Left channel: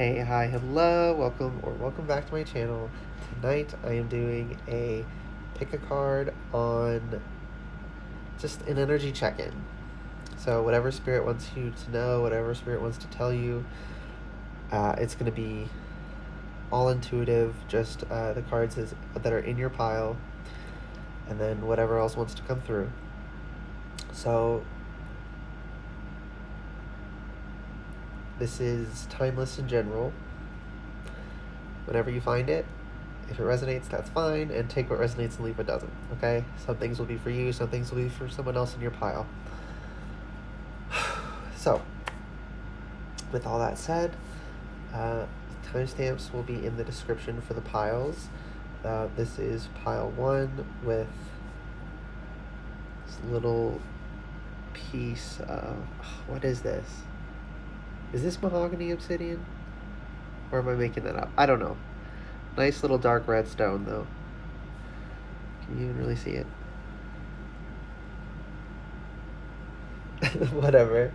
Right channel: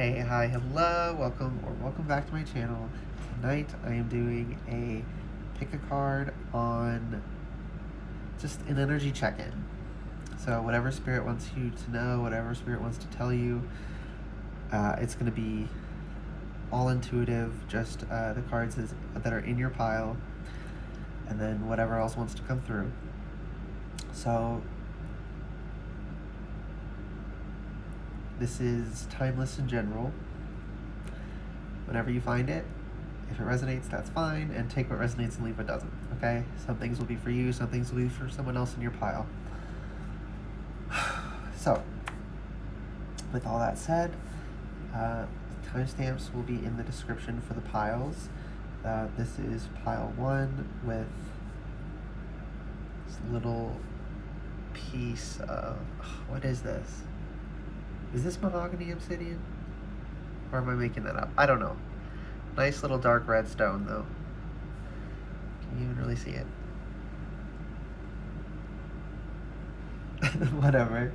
Hey, hi, hello, welcome back to my channel. Tonight I am doing a pick a card on just an energy check-in. So whatever spirit wants you to know, whatever spirit wants to tell you, it's going to be all intuitive, just the cards that are in your pile, and then whatever else wants to come through. So this is timeless in general. Whenever you find it, if it resonates, that's fine, and take what resonates and leave what doesn't, okay? Some things will be for you, some things will be for someone else in your pile. So, with all that said, timestamps will be in the description for the piles. This is pile 1 with this little piece of, what is this? Is this mahogany obsidian? Or am I making that up? I don't know. Nice little dark red stone, though. Can you even really see it? Whatever.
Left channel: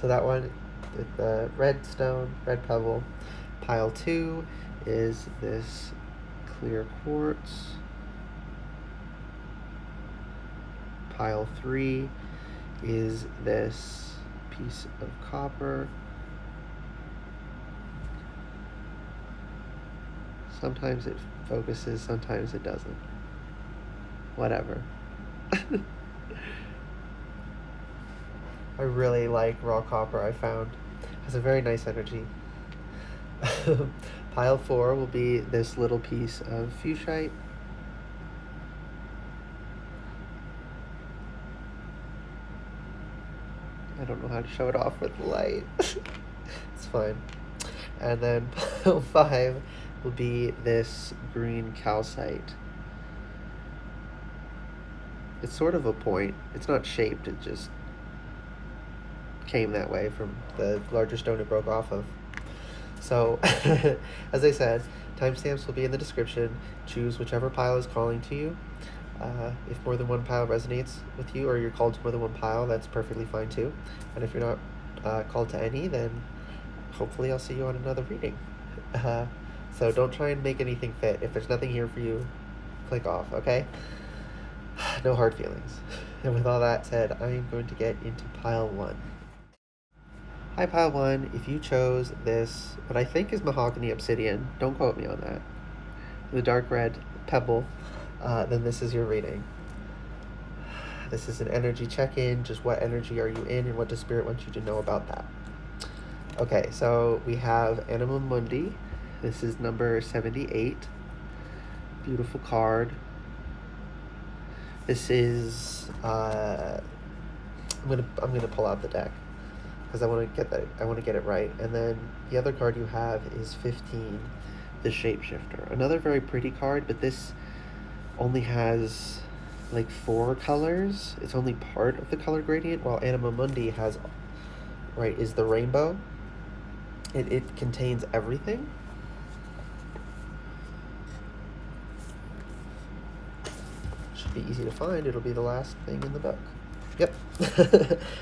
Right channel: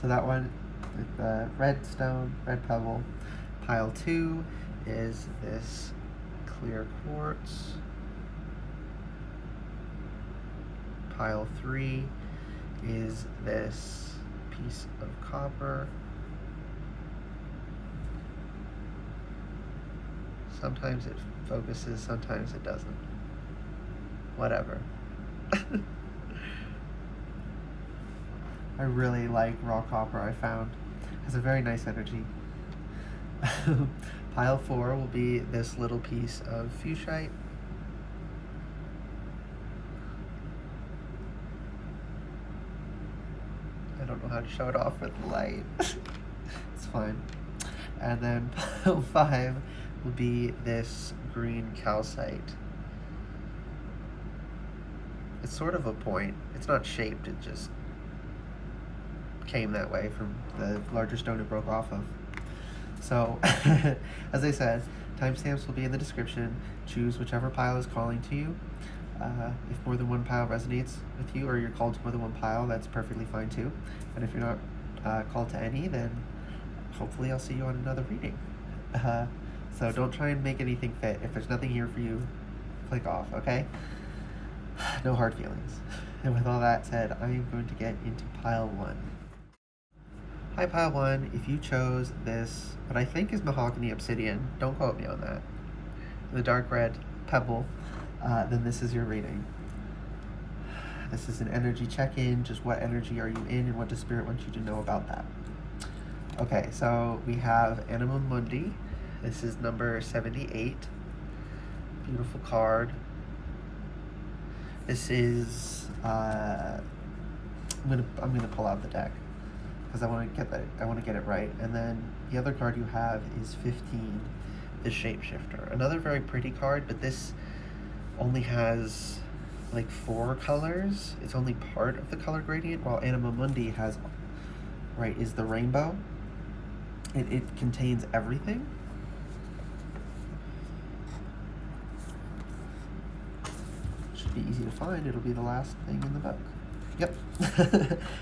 So that one with the red stone, red pebble. Pile 2 is this clear quartz. Pile 3 is this piece of copper. Sometimes it focuses, sometimes it doesn't. Whatever. I really like raw copper, I found. It has a very nice energy. Pile 4 will be this little piece of fuchsite. I don't know how to show it off with light. It's fine. And then pile 5 will be this green calcite. It's sort of a point. It's not shaped, it just came that way from the larger stone it broke off of. So, as I said, timestamps will be in the description. Choose whichever pile is calling to you. If more than one pile resonates with you, or you're called to more than one pile, that's perfectly fine too. And if you're not called to any, then hopefully I'll see you on another reading. So don't try and make anything fit. If there's nothing here for you, click off, okay? No hard feelings. And with all that said, I am going to get into pile 1. Hi, pile 1. If you chose this, what I think is mahogany obsidian, don't quote me on that, the dark red pebble, then this is your reading. This is an energy check-in, just what energy are you in and what does Spirit want you to know about that. Okay, so we have Anima Mundi. This is number 78. Beautiful card. This is I'm gonna pull out the deck because I want to get it right. And then the other card you have is 15, the Shapeshifter. Another very pretty card, but this only has like 4 colors. It's only part of the color gradient, while Anima Mundi has, is the rainbow. And it contains everything. Should be easy to find. It'll be the last thing in the book. Yep.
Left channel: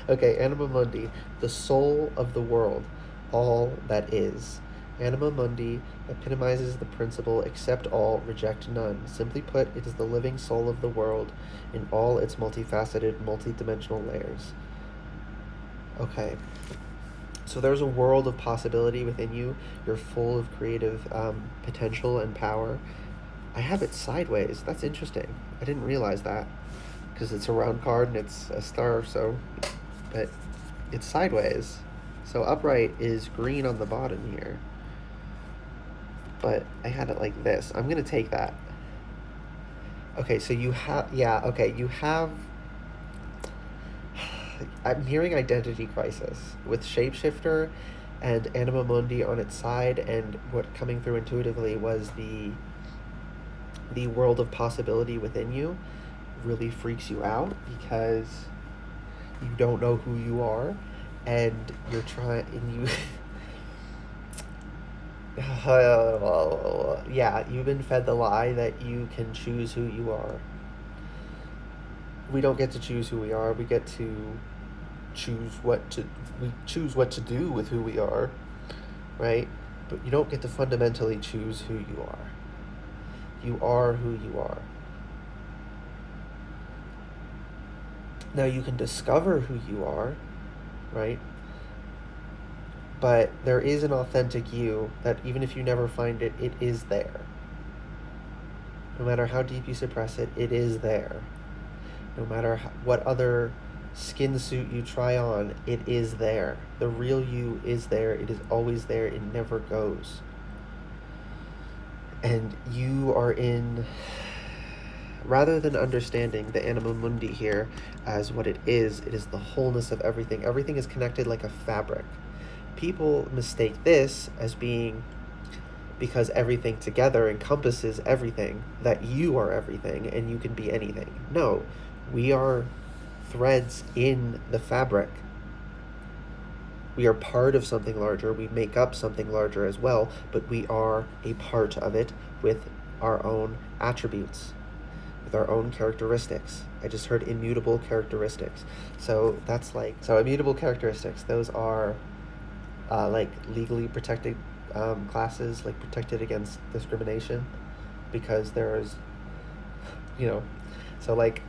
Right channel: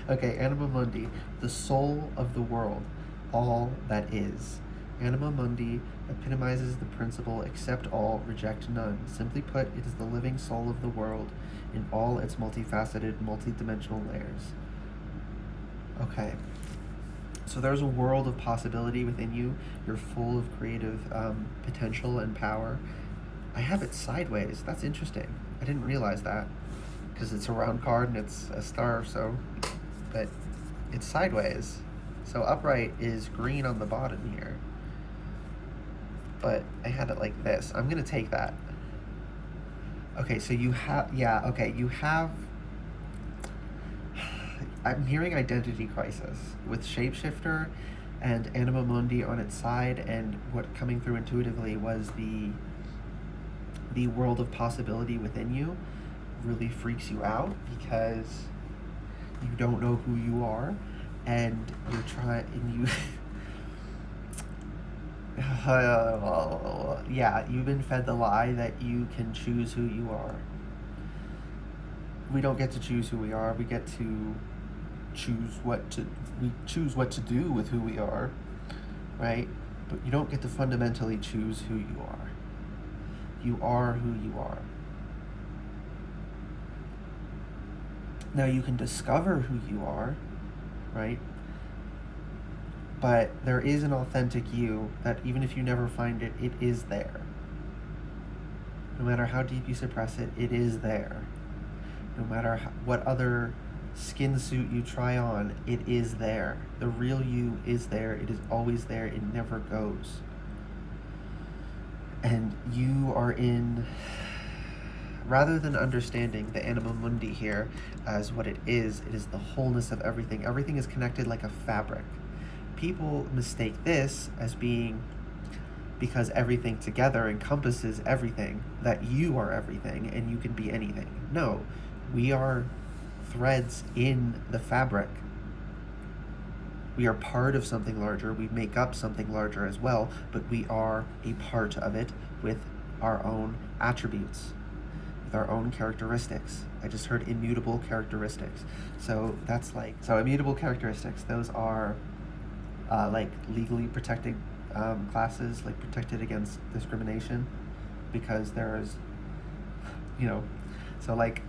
Okay, Anima Mundi, the soul of the world, all that is. Anima Mundi epitomizes the principle accept all, reject none. Simply put, it is the living soul of the world in all its multifaceted, multi-dimensional layers. Okay. So there's a world of possibility within you. You're full of creative potential and power. I have it sideways. That's interesting. I didn't realize that because it's a round card and it's a star, so, but it's sideways. So upright is green on the bottom here. But I had it like this. I'm gonna take that. Okay, so you have, yeah, okay, you have, I'm hearing identity crisis with Shapeshifter and Anima Mundi on its side, and what coming through intuitively was the world of possibility within you really freaks you out because you don't know who you are, and you're trying, and you yeah, you've been fed the lie that you can choose who you are. We don't get to choose who we are. We get to choose what to do with who we are, right? but you don't get to fundamentally choose who you are. You are who you are. Now you can discover who you are, right? But there is an authentic you that even if you never find it, it is there. No matter how deep you suppress it, it is there. No matter what other skin suit you try on, it is there. The real you is there. It is always there. It never goes. And you are in, rather than understanding the anima mundi here as what it is the wholeness of everything. Everything is connected like a fabric. People mistake this as being, because everything together encompasses everything, that you are everything and you can be anything. No, we are threads in the fabric. We are part of something larger. We make up something larger as well, but we are a part of it with our own attributes, with our own characteristics. I just heard immutable characteristics. So that's like, so immutable characteristics, those are like legally protected classes, like protected against discrimination, because there's, so like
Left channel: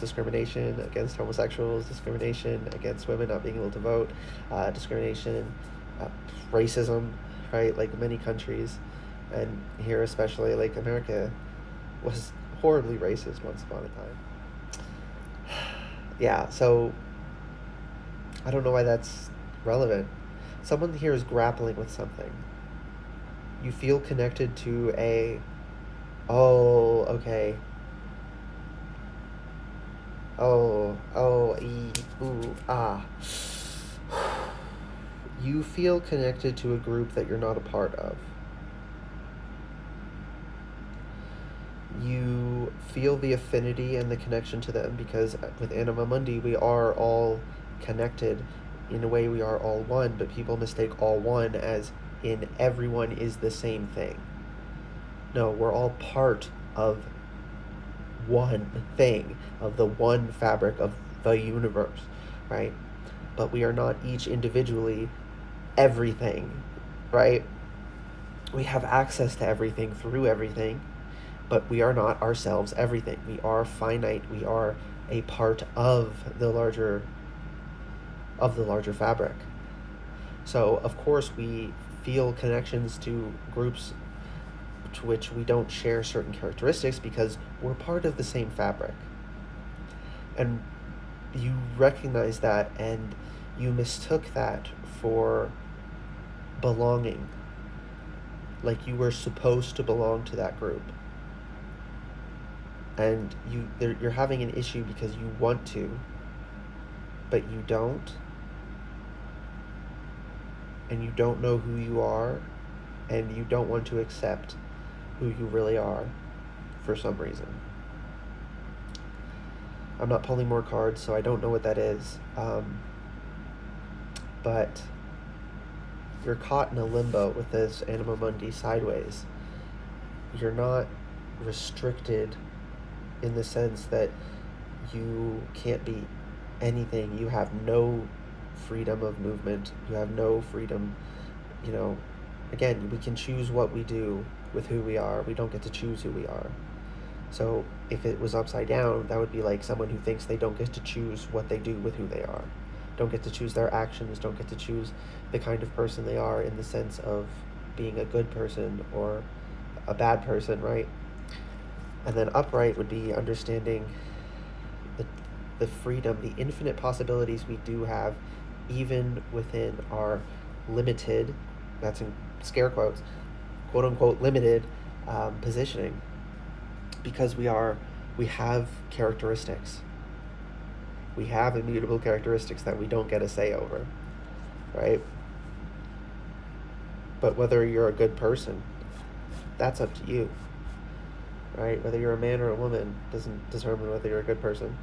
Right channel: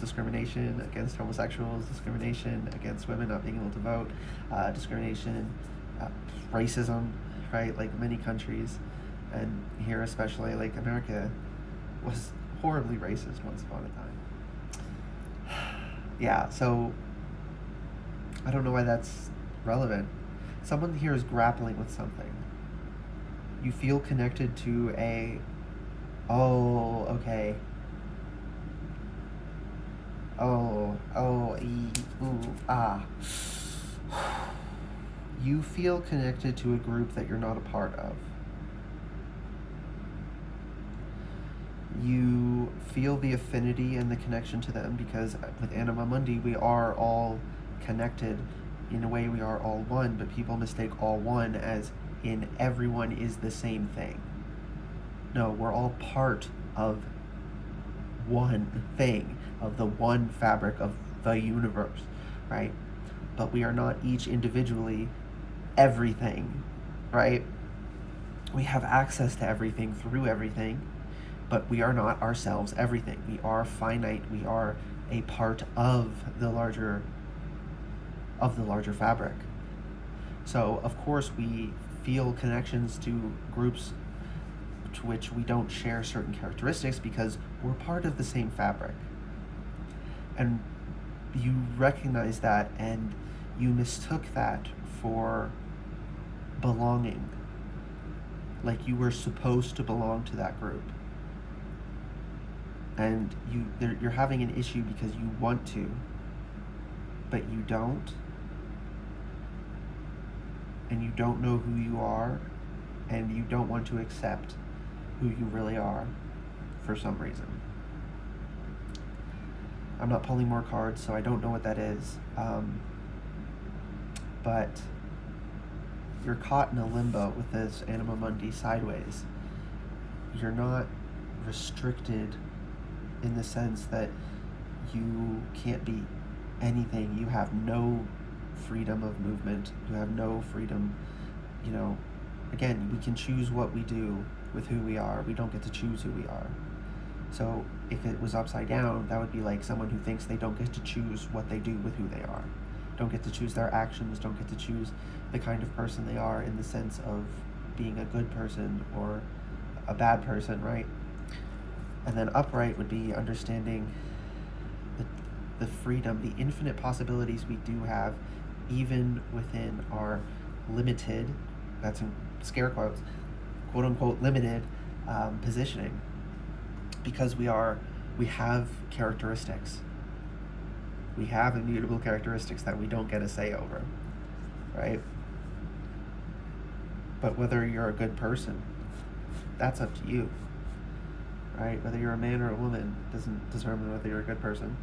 discrimination against homosexuals, discrimination against women not being able to vote, discrimination, racism, right? Like many countries, and here especially, like America was horribly racist once upon a time. Yeah, so I don't know why that's relevant. Someone here is grappling with something. You feel connected to a, oh, okay. Oh, ah. You feel connected to a group that you're not a part of. You feel the affinity and the connection to them because with Anima Mundi, we are all connected. In a way, we are all one, but people mistake all one as in everyone is the same thing. No, we're all part of one thing, of the one fabric of the universe, right? But we are not each individually everything, right? We have access to everything through everything, but we are not ourselves everything. We are finite. We are a part of the larger fabric. So of course we feel connections to groups to which we don't share certain characteristics because we're part of the same fabric. And you recognize that and you mistook that for belonging. Like you were supposed to belong to that group. And you're having an issue because you want to, but you don't. And you don't know who you are, and you don't want to accept who you really are for some reason. I'm not pulling more cards, so I don't know what that is. But you're caught in a limbo with this Anima Mundi sideways. You're not restricted in the sense that you can't be anything. You have no freedom of movement. You have no freedom, again, we can choose what we do with who we are. We don't get to choose who we are. So if it was upside down, that would be like someone who thinks they don't get to choose what they do with who they are. Don't get to choose their actions, don't get to choose the kind of person they are in the sense of being a good person or a bad person, right? And then upright would be understanding the freedom, the infinite possibilities we do have, even within our limited, that's in scare quotes, quote unquote limited positioning, because we have characteristics. We have immutable characteristics that we don't get a say over, right? But whether you're a good person, that's up to you, right? Whether you're a man or a woman doesn't determine whether you're a good person.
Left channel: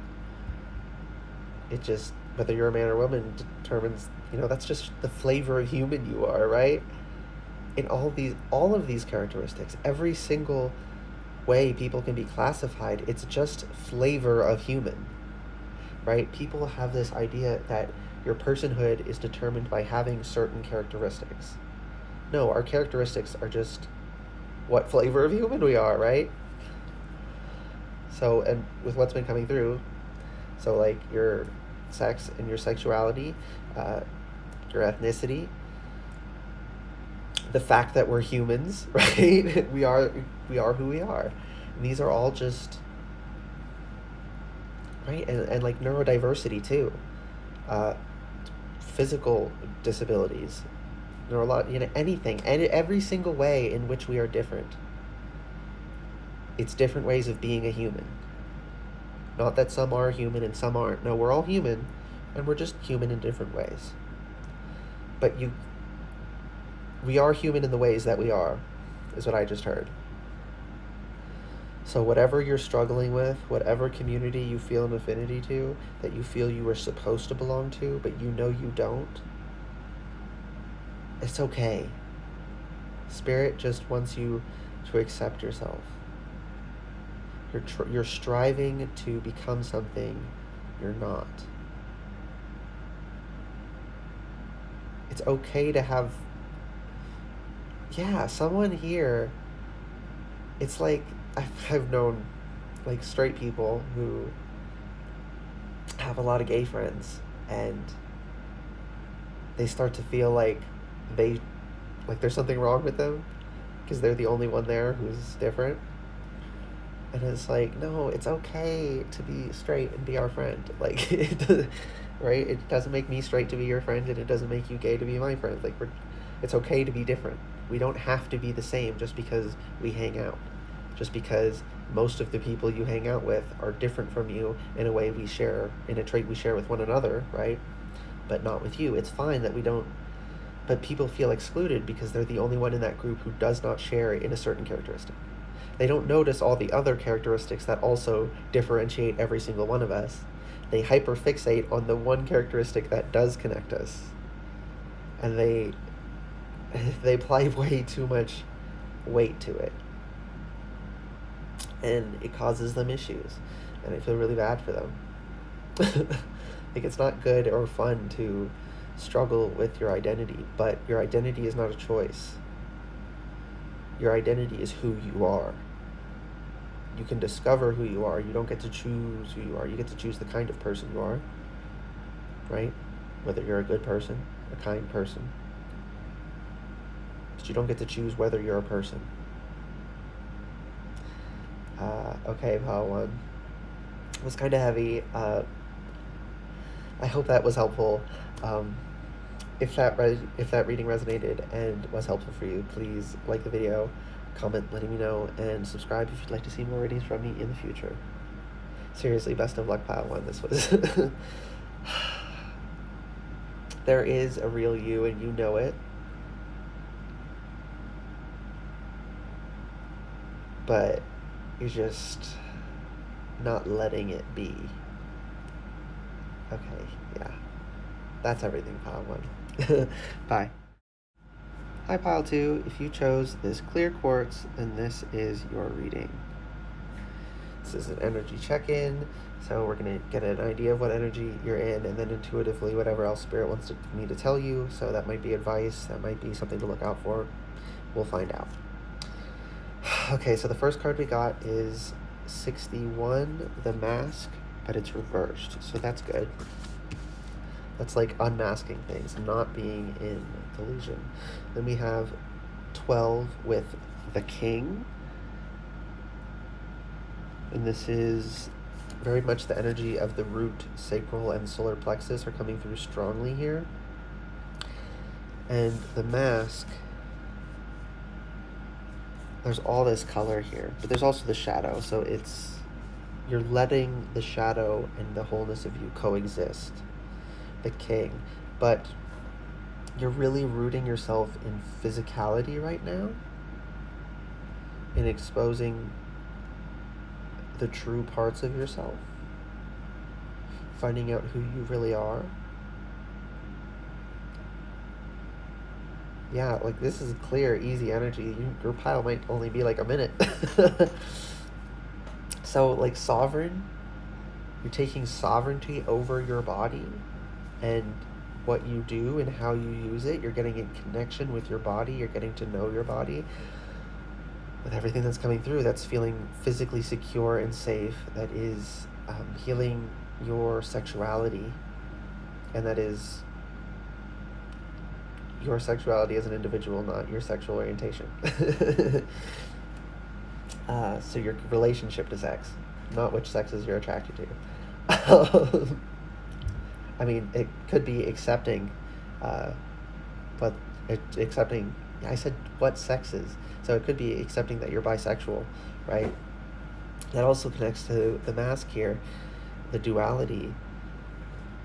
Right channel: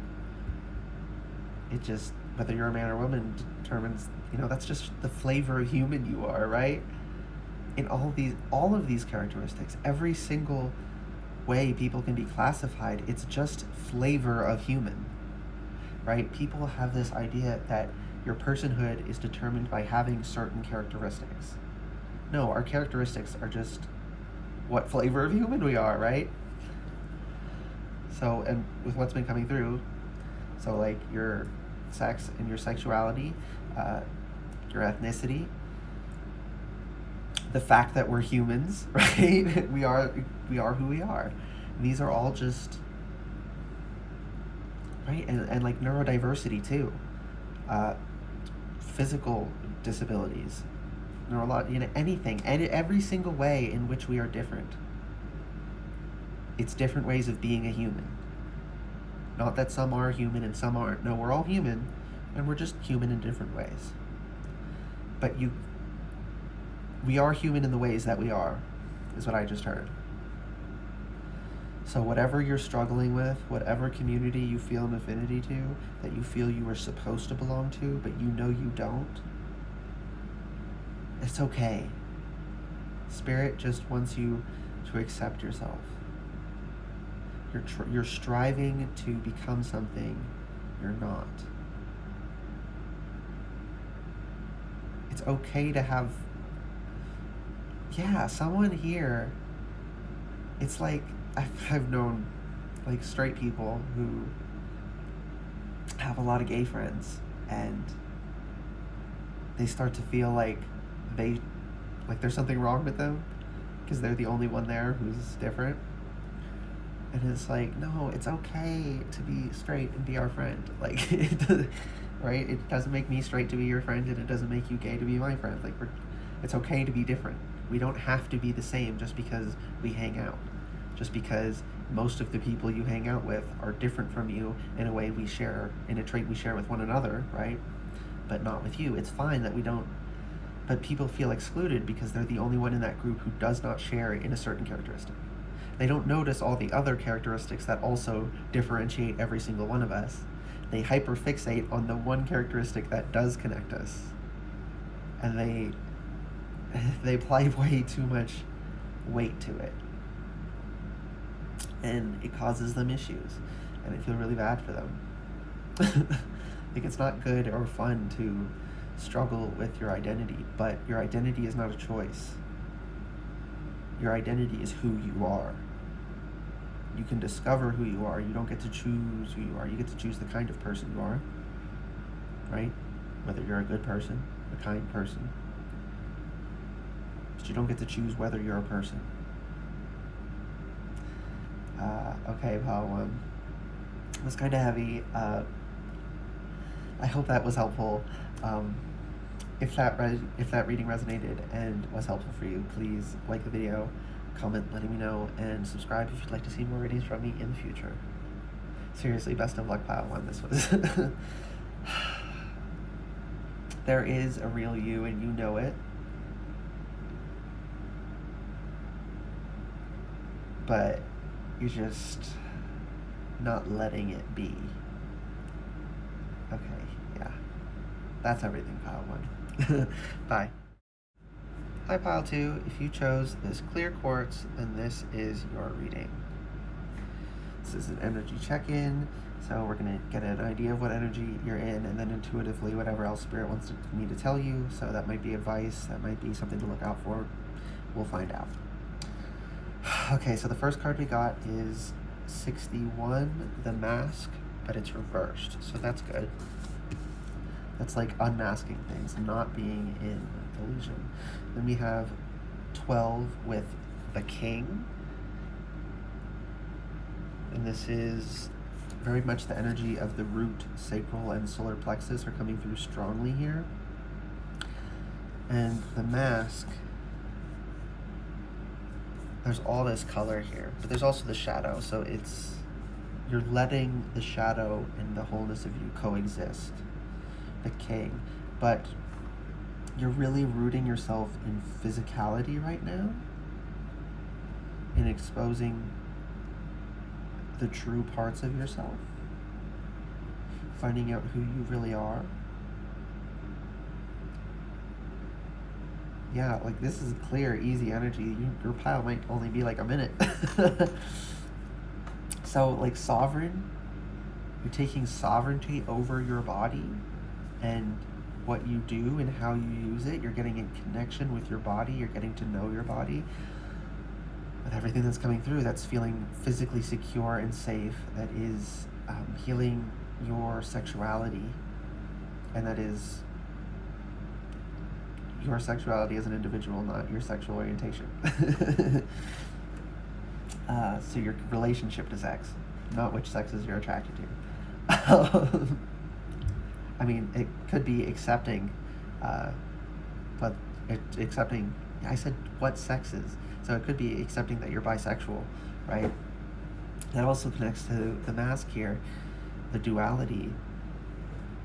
It just, whether you're a man or a woman determines, that's just the flavor of human you are, right? In all of these characteristics, every single way people can be classified, it's just flavor of human, right? People have this idea that your personhood is determined by having certain characteristics. No, our characteristics are just what flavor of human we are, right? So, and with what's been coming through, so like your sex and your sexuality, uh, your ethnicity, the fact that we're humans, right? We are who we are. And these are all just right, and like neurodiversity too, uh, physical disabilities, anything, and every single way in which we are different. It's different ways of being a human. Not that some are human and some aren't. No, we're all human, and we're just human in different ways. But we are human in the ways that we are, is what I just heard. So whatever you're struggling with, whatever community you feel an affinity to, that you feel you are supposed to belong to, but you know you don't, it's okay. Spirit just wants you to accept yourself. You're striving to become something you're not. It's okay to have, someone here. It's like I've known like straight people who have a lot of gay friends, and they start to feel like there's something wrong with them because they're the only one there who's different. And it's like, no, it's okay to be straight and be our friend. Like, right? It doesn't make me straight to be your friend, and it doesn't make you gay to be my friend. Like, it's okay to be different. We don't have to be the same just because we hang out. Just because most of the people you hang out with are different from you in a trait we share with one another, right? But not with you. It's fine that we don't. But people feel excluded because they're the only one in that group who does not share in a certain characteristic. They don't notice all the other characteristics that also differentiate every single one of us. They hyperfixate on the one characteristic that does connect us. And they apply way too much weight to it. And it causes them issues. And I feel really bad for them. Like, it's not good or fun to struggle with your identity, but your identity is not a choice. Your identity is who you are. You can discover who you are. You don't get to choose who you are. You get to choose the kind of person you are, right? Whether you're a good person, a kind person. But you don't get to choose whether you're a person. Okay, pile one. It was kind of heavy. I hope that was helpful. If that reading resonated and was helpful for you, please like the video, comment letting me know, and subscribe if you'd like to see more readings from me in the future. Seriously, best of luck, pile one. This was there is a real you, and you know it, but you're just not letting it be. Okay, yeah, that's everything, pile one. Bye. Hi, pile two. If you chose this clear quartz, then this is your reading. This is an energy check-in, so we're going to get an idea of what energy you're in, and then intuitively whatever else Spirit wants me to tell you. So that might be advice, that might be something to look out for. We'll find out. Okay, so the first card we got is 61, the mask, but it's reversed, so that's good. That's like unmasking things, not being in delusion. Then we have 12 with the king. And this is very much the energy of the root, sacral, and solar plexus are coming through strongly here. And the mask, there's all this color here, but there's also the shadow, so you're letting the shadow and the wholeness of you coexist. The king, but you're really rooting yourself in physicality right now, in exposing the true parts of yourself, finding out who you really are. Yeah, like this is clear, easy energy. Your pile might only be like a minute. So like sovereign, you're taking sovereignty over your body and what you do and how you use it. You're getting in connection with your body. You're getting to know your body with everything that's coming through. That's feeling physically secure and safe. That is healing your sexuality, and that is your sexuality as an individual, not your sexual orientation. So your relationship to sex, not which sexes you're attracted to. I mean, it could be accepting, but accepting. I said what sexes, so it could be accepting that you're bisexual, right? That also connects to the mask here, the duality.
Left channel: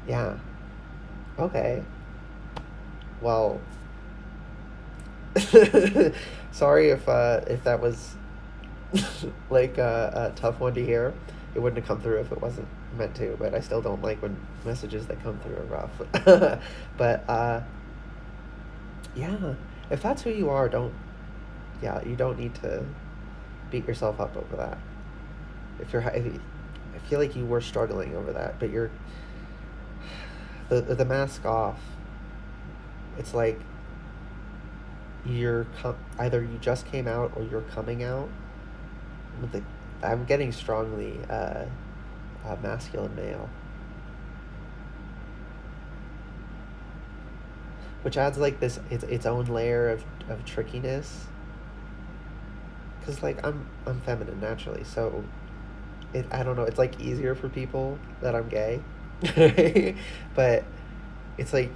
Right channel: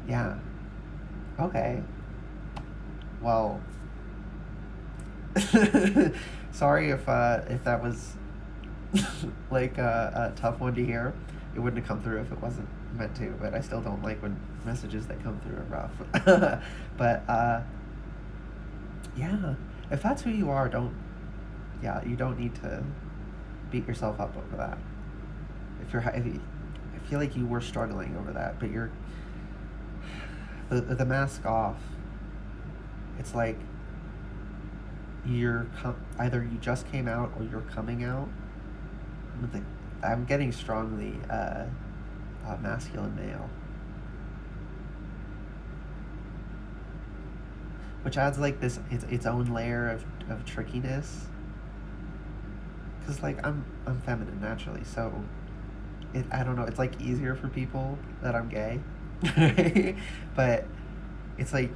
Yeah. Okay. Well, sorry if that was like a tough one to hear. It wouldn't have come through if it wasn't meant to. But I still don't like when messages that come through are rough. But yeah, if that's who you are, don't. Yeah, you don't need to beat yourself up over that. I feel like you were struggling over that, but you're the mask off. It's like either you just came out or you're coming out. I'm getting strongly masculine male, which adds like this its own layer of trickiness. Cause like I'm feminine naturally, so I don't know. It's like easier for people that I'm gay, but it's like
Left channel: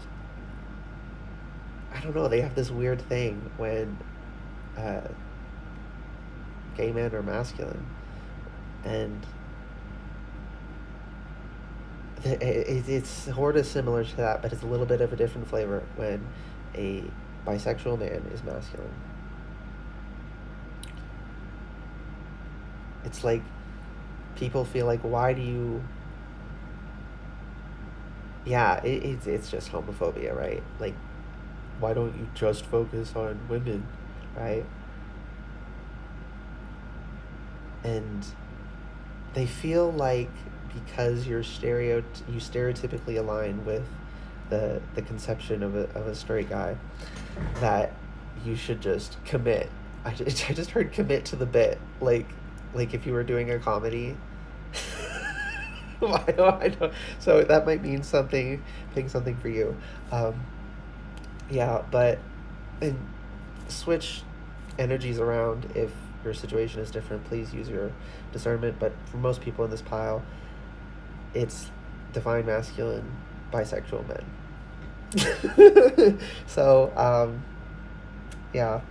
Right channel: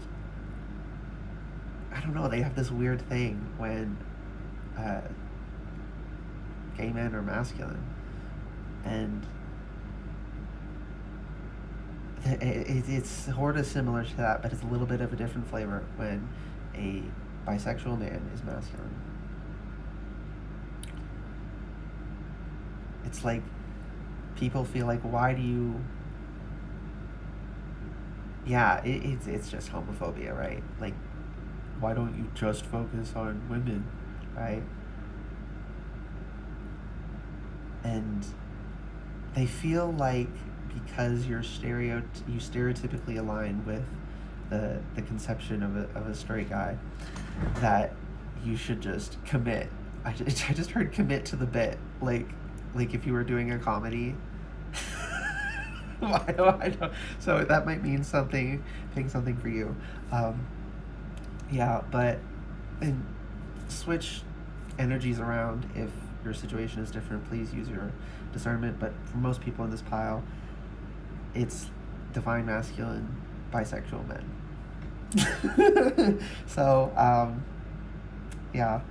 I don't know. They have this weird thing when gay men are masculine, and it's sort of similar to that, but it's a little bit of a different flavor when a bisexual man is masculine. It's like people feel like, why do you? Yeah, it's just homophobia, right? Like, why don't you just focus on women, right? And they feel like because you stereotypically align with the conception of a straight guy, that you should just commit. I just heard commit to the bit, like if you were doing a comedy. I don't. So that might mean something, being something for you. Yeah, but and switch energies around if your situation is different. Please use your discernment. But for most people in this pile, it's divine masculine, bisexual men. So yeah.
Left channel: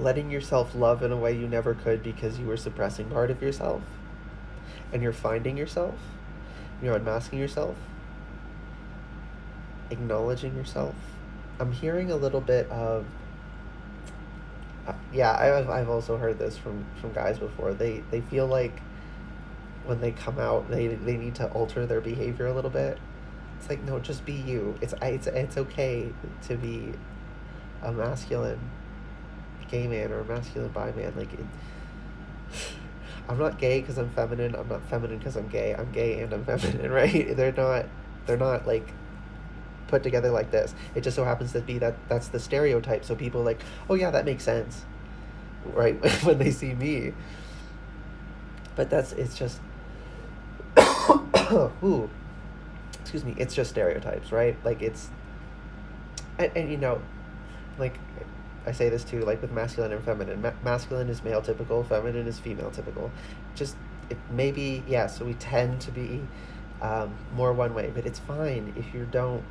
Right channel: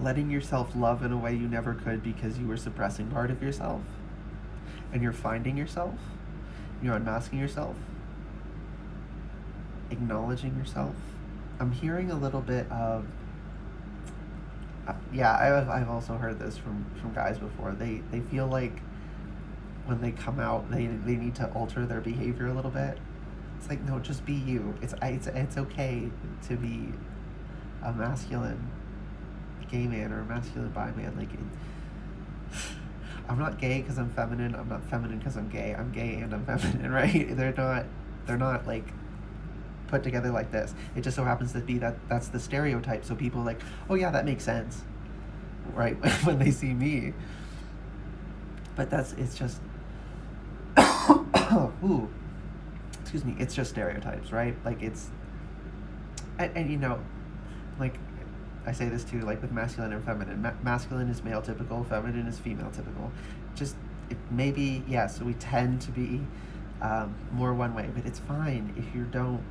Letting yourself love in a way you never could because you were suppressing part of yourself, and you're finding yourself, you're unmasking yourself, acknowledging yourself. I'm hearing a little bit of yeah, I've also heard this from guys before. They feel like when they come out, they need to alter their behavior a little bit. It's like, no, just be you. It's okay to be a masculine gay man or a masculine bi man. Like, I'm not gay because I'm feminine. I'm not feminine because I'm gay. I'm gay and I'm feminine, right? They're not like put together like this. It just so happens to be that's the stereotype. So people like, oh yeah, that makes sense, right? When they see me. But it's just, ooh, excuse me. It's just stereotypes, right? Like it's, and you know, like I say this too, like with masculine and feminine. Masculine is male typical, feminine is female typical. Just maybe, yeah. So we tend to be more one way, but it's fine if you don't.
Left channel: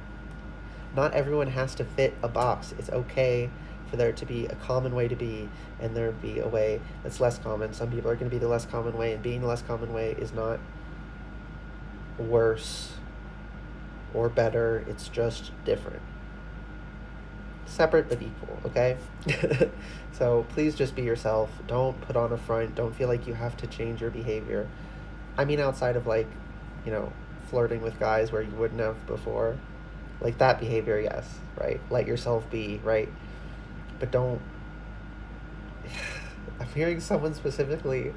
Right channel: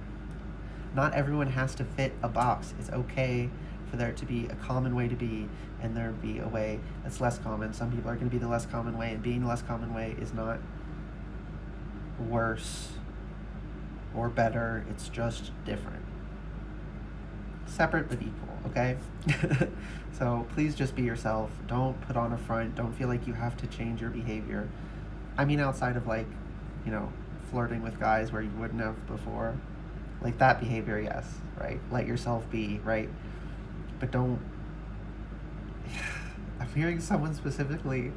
Not everyone has to fit a box. It's okay for there to be a common way to be, and there be a way that's less common. Some people are going to be the less common way, and being the less common way is not worse or better. It's just different. Separate but equal, okay? So please just be yourself. Don't put on a front. Don't feel like you have to change your behavior. I mean, outside of like, you know, flirting with guys where you wouldn't have before. Like that behavior, yes, right? Let yourself be, right? But don't. I'm hearing someone specifically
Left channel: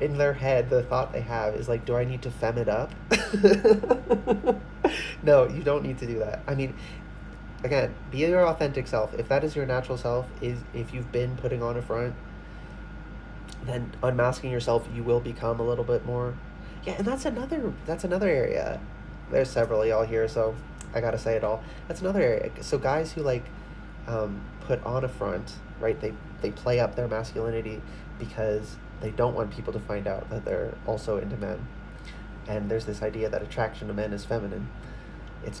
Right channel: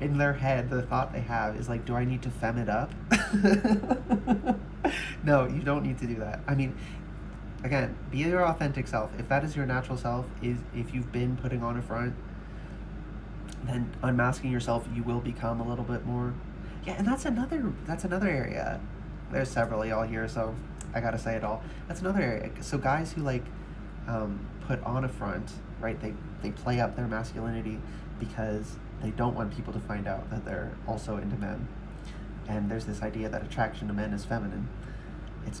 in their head, the thought they have is like, do I need to fem it up? No, you don't need to do that. I mean, again, be your authentic self. If that is your natural self, is if you've been putting on a front, then unmasking yourself, you will become a little bit more. Yeah, and that's another area. There's several of y'all here, so I gotta say it all. That's another area. So guys who like put on a front, right? They play up their masculinity because they don't want people to find out that they're also into men. And there's this idea that attraction to men is feminine. It's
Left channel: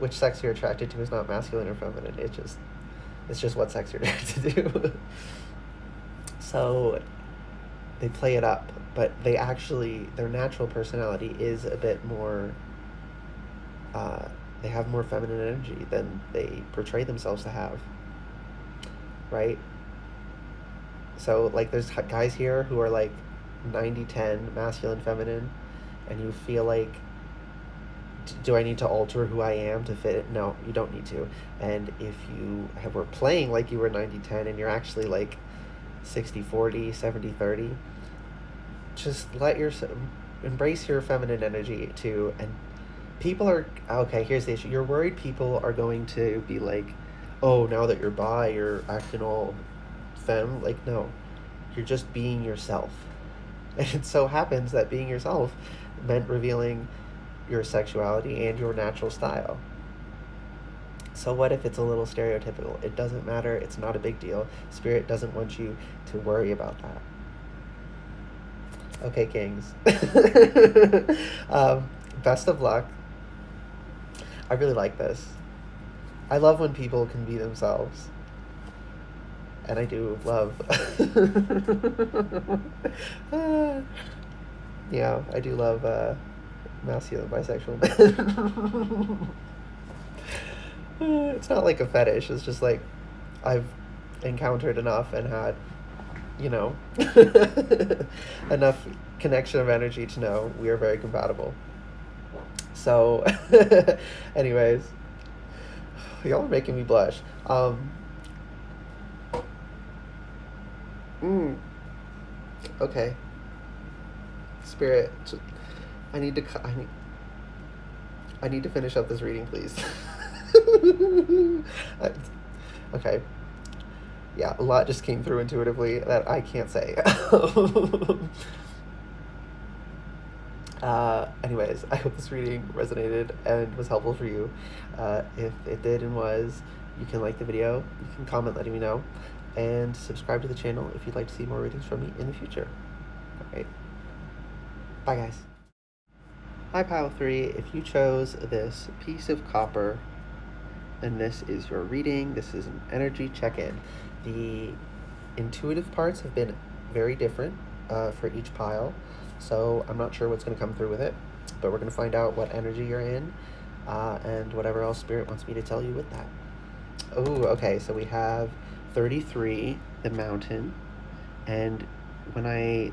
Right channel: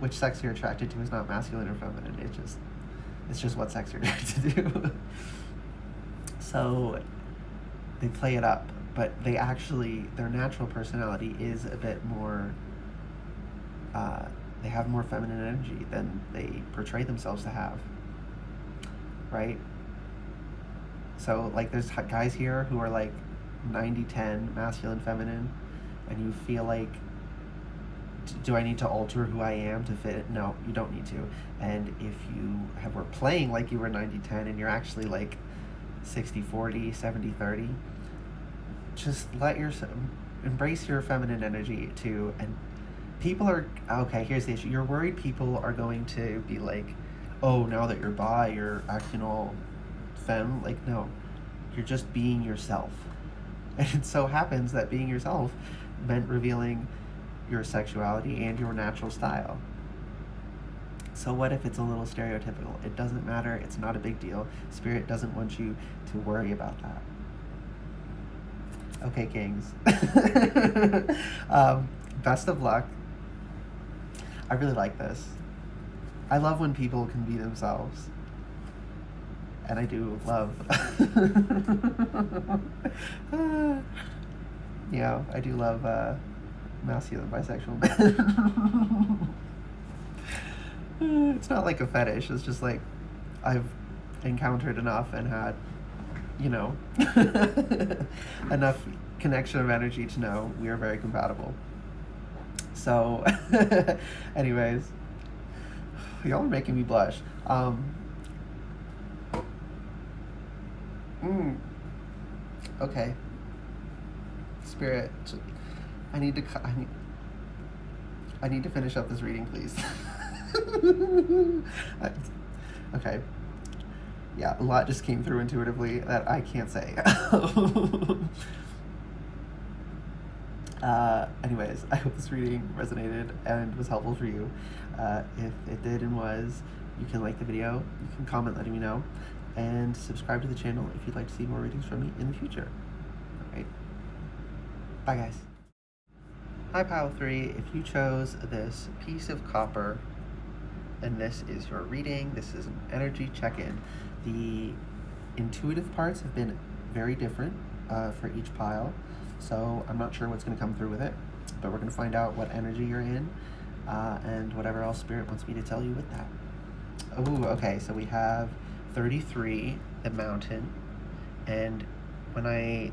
which sex you're attracted to is not masculine or feminine. It's just what sex you're attracted to. So they play it up, but they actually, their natural personality is a bit more. They have more feminine energy than they portray themselves to have. Right? So like there's guys here who are like 90-10 masculine feminine, and you feel like, do I need to alter who I am to fit it? No, you don't need to. And if you were playing like you were 90-10 and you're actually like 60-40, 70-30, just embrace your feminine energy too. And people are, okay, here's the issue. You're worried people are going to be like, oh, now that you're bi, you're acting all femme. Like, no, you're just being yourself. And it so happens that being yourself meant revealing your sexuality and your natural style. So what if it's a little stereotypical? It doesn't matter. It's not a big deal. Spirit doesn't want you to worry about that. Okay, kings. Best of luck. I really like this. I love when people can be themselves. And I do love... yeah, I do love masculine bisexual men. It's not like a fetish. It's just like I've encountered enough and had, enough connection of energy to know we are very compatible. So, anyways, y'all are making me blush. Okay. Spirit, I need to finish up this reading, please. Okay. Yeah, a lot just came through intuitively that I can't say. Anyways, I hope this reading resonated and was helpful for you. If it did and was, you can like the video, you can comment letting me know, and subscribe to the channel if you'd like to see more readings from me in the future. Alright. Bye, guys. Hi, Pile 3. If you chose this piece of copper, then this is your reading. This is an energy check-in. The intuitive parts have been very different for each pile, so I'm not sure what's going to come through with it, but we're going to find out what energy you're in and whatever else Spirit wants me to tell you with that. Oh, okay, so we have 33, the mountain, and when I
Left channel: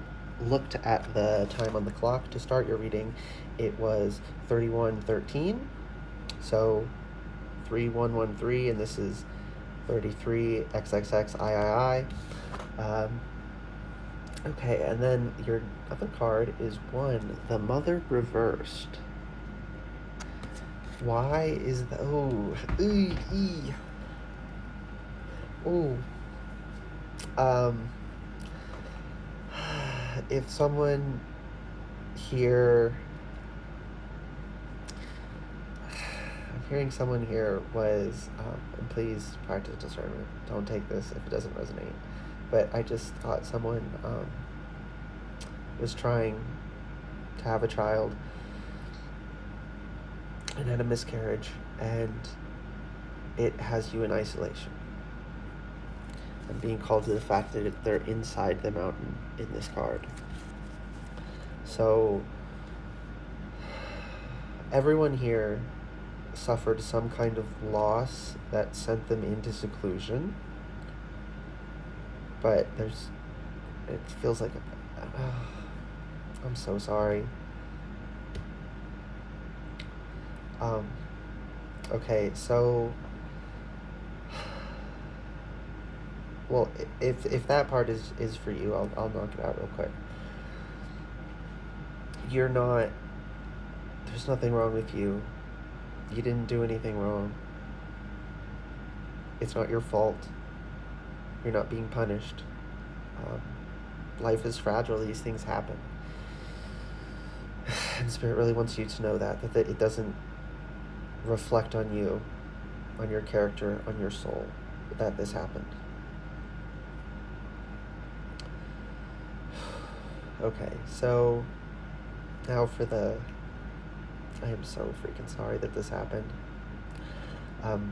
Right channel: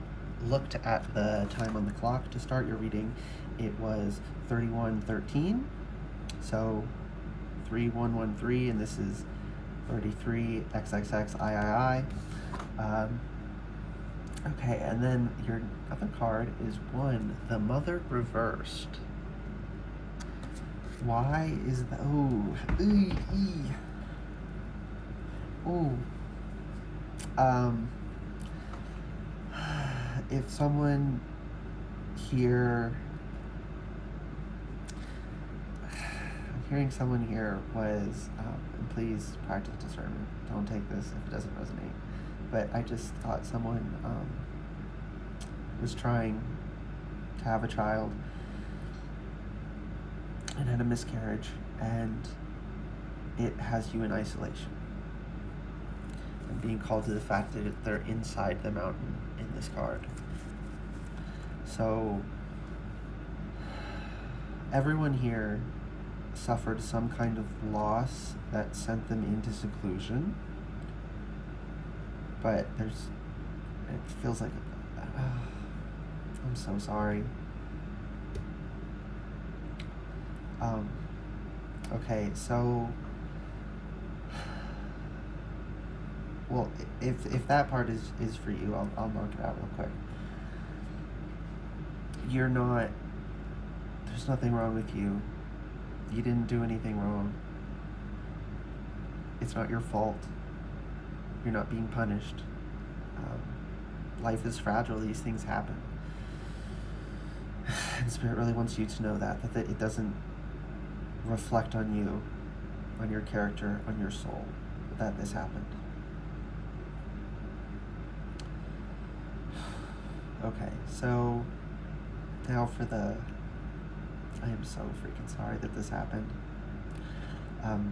looked at the time on the clock to start your reading, it was 31:13, so 3113, and this is 33 XXXIII. Okay, and then your other card is 1, the Mother reversed. Why is that? If someone here, I'm hearing someone here was, and please practice discernment, don't take this if it doesn't resonate, but I just thought someone was trying to have a child and had a miscarriage, and it has you in isolation. I'm being called to the fact that they're inside the mountain in this card. So everyone here suffered some kind of loss that sent them into seclusion, but it feels like I'm so sorry. Okay, so well, if that part is for you, I'll knock it out real quick. you're not, there's nothing wrong with you. You didn't do anything wrong. It's not your fault. You're not being punished. Life is fragile. These things happen. And Spirit really wants you to know that it doesn't reflect on you, on your character, on your soul, that this happened. Okay, so now for I am so freaking sorry that this happened.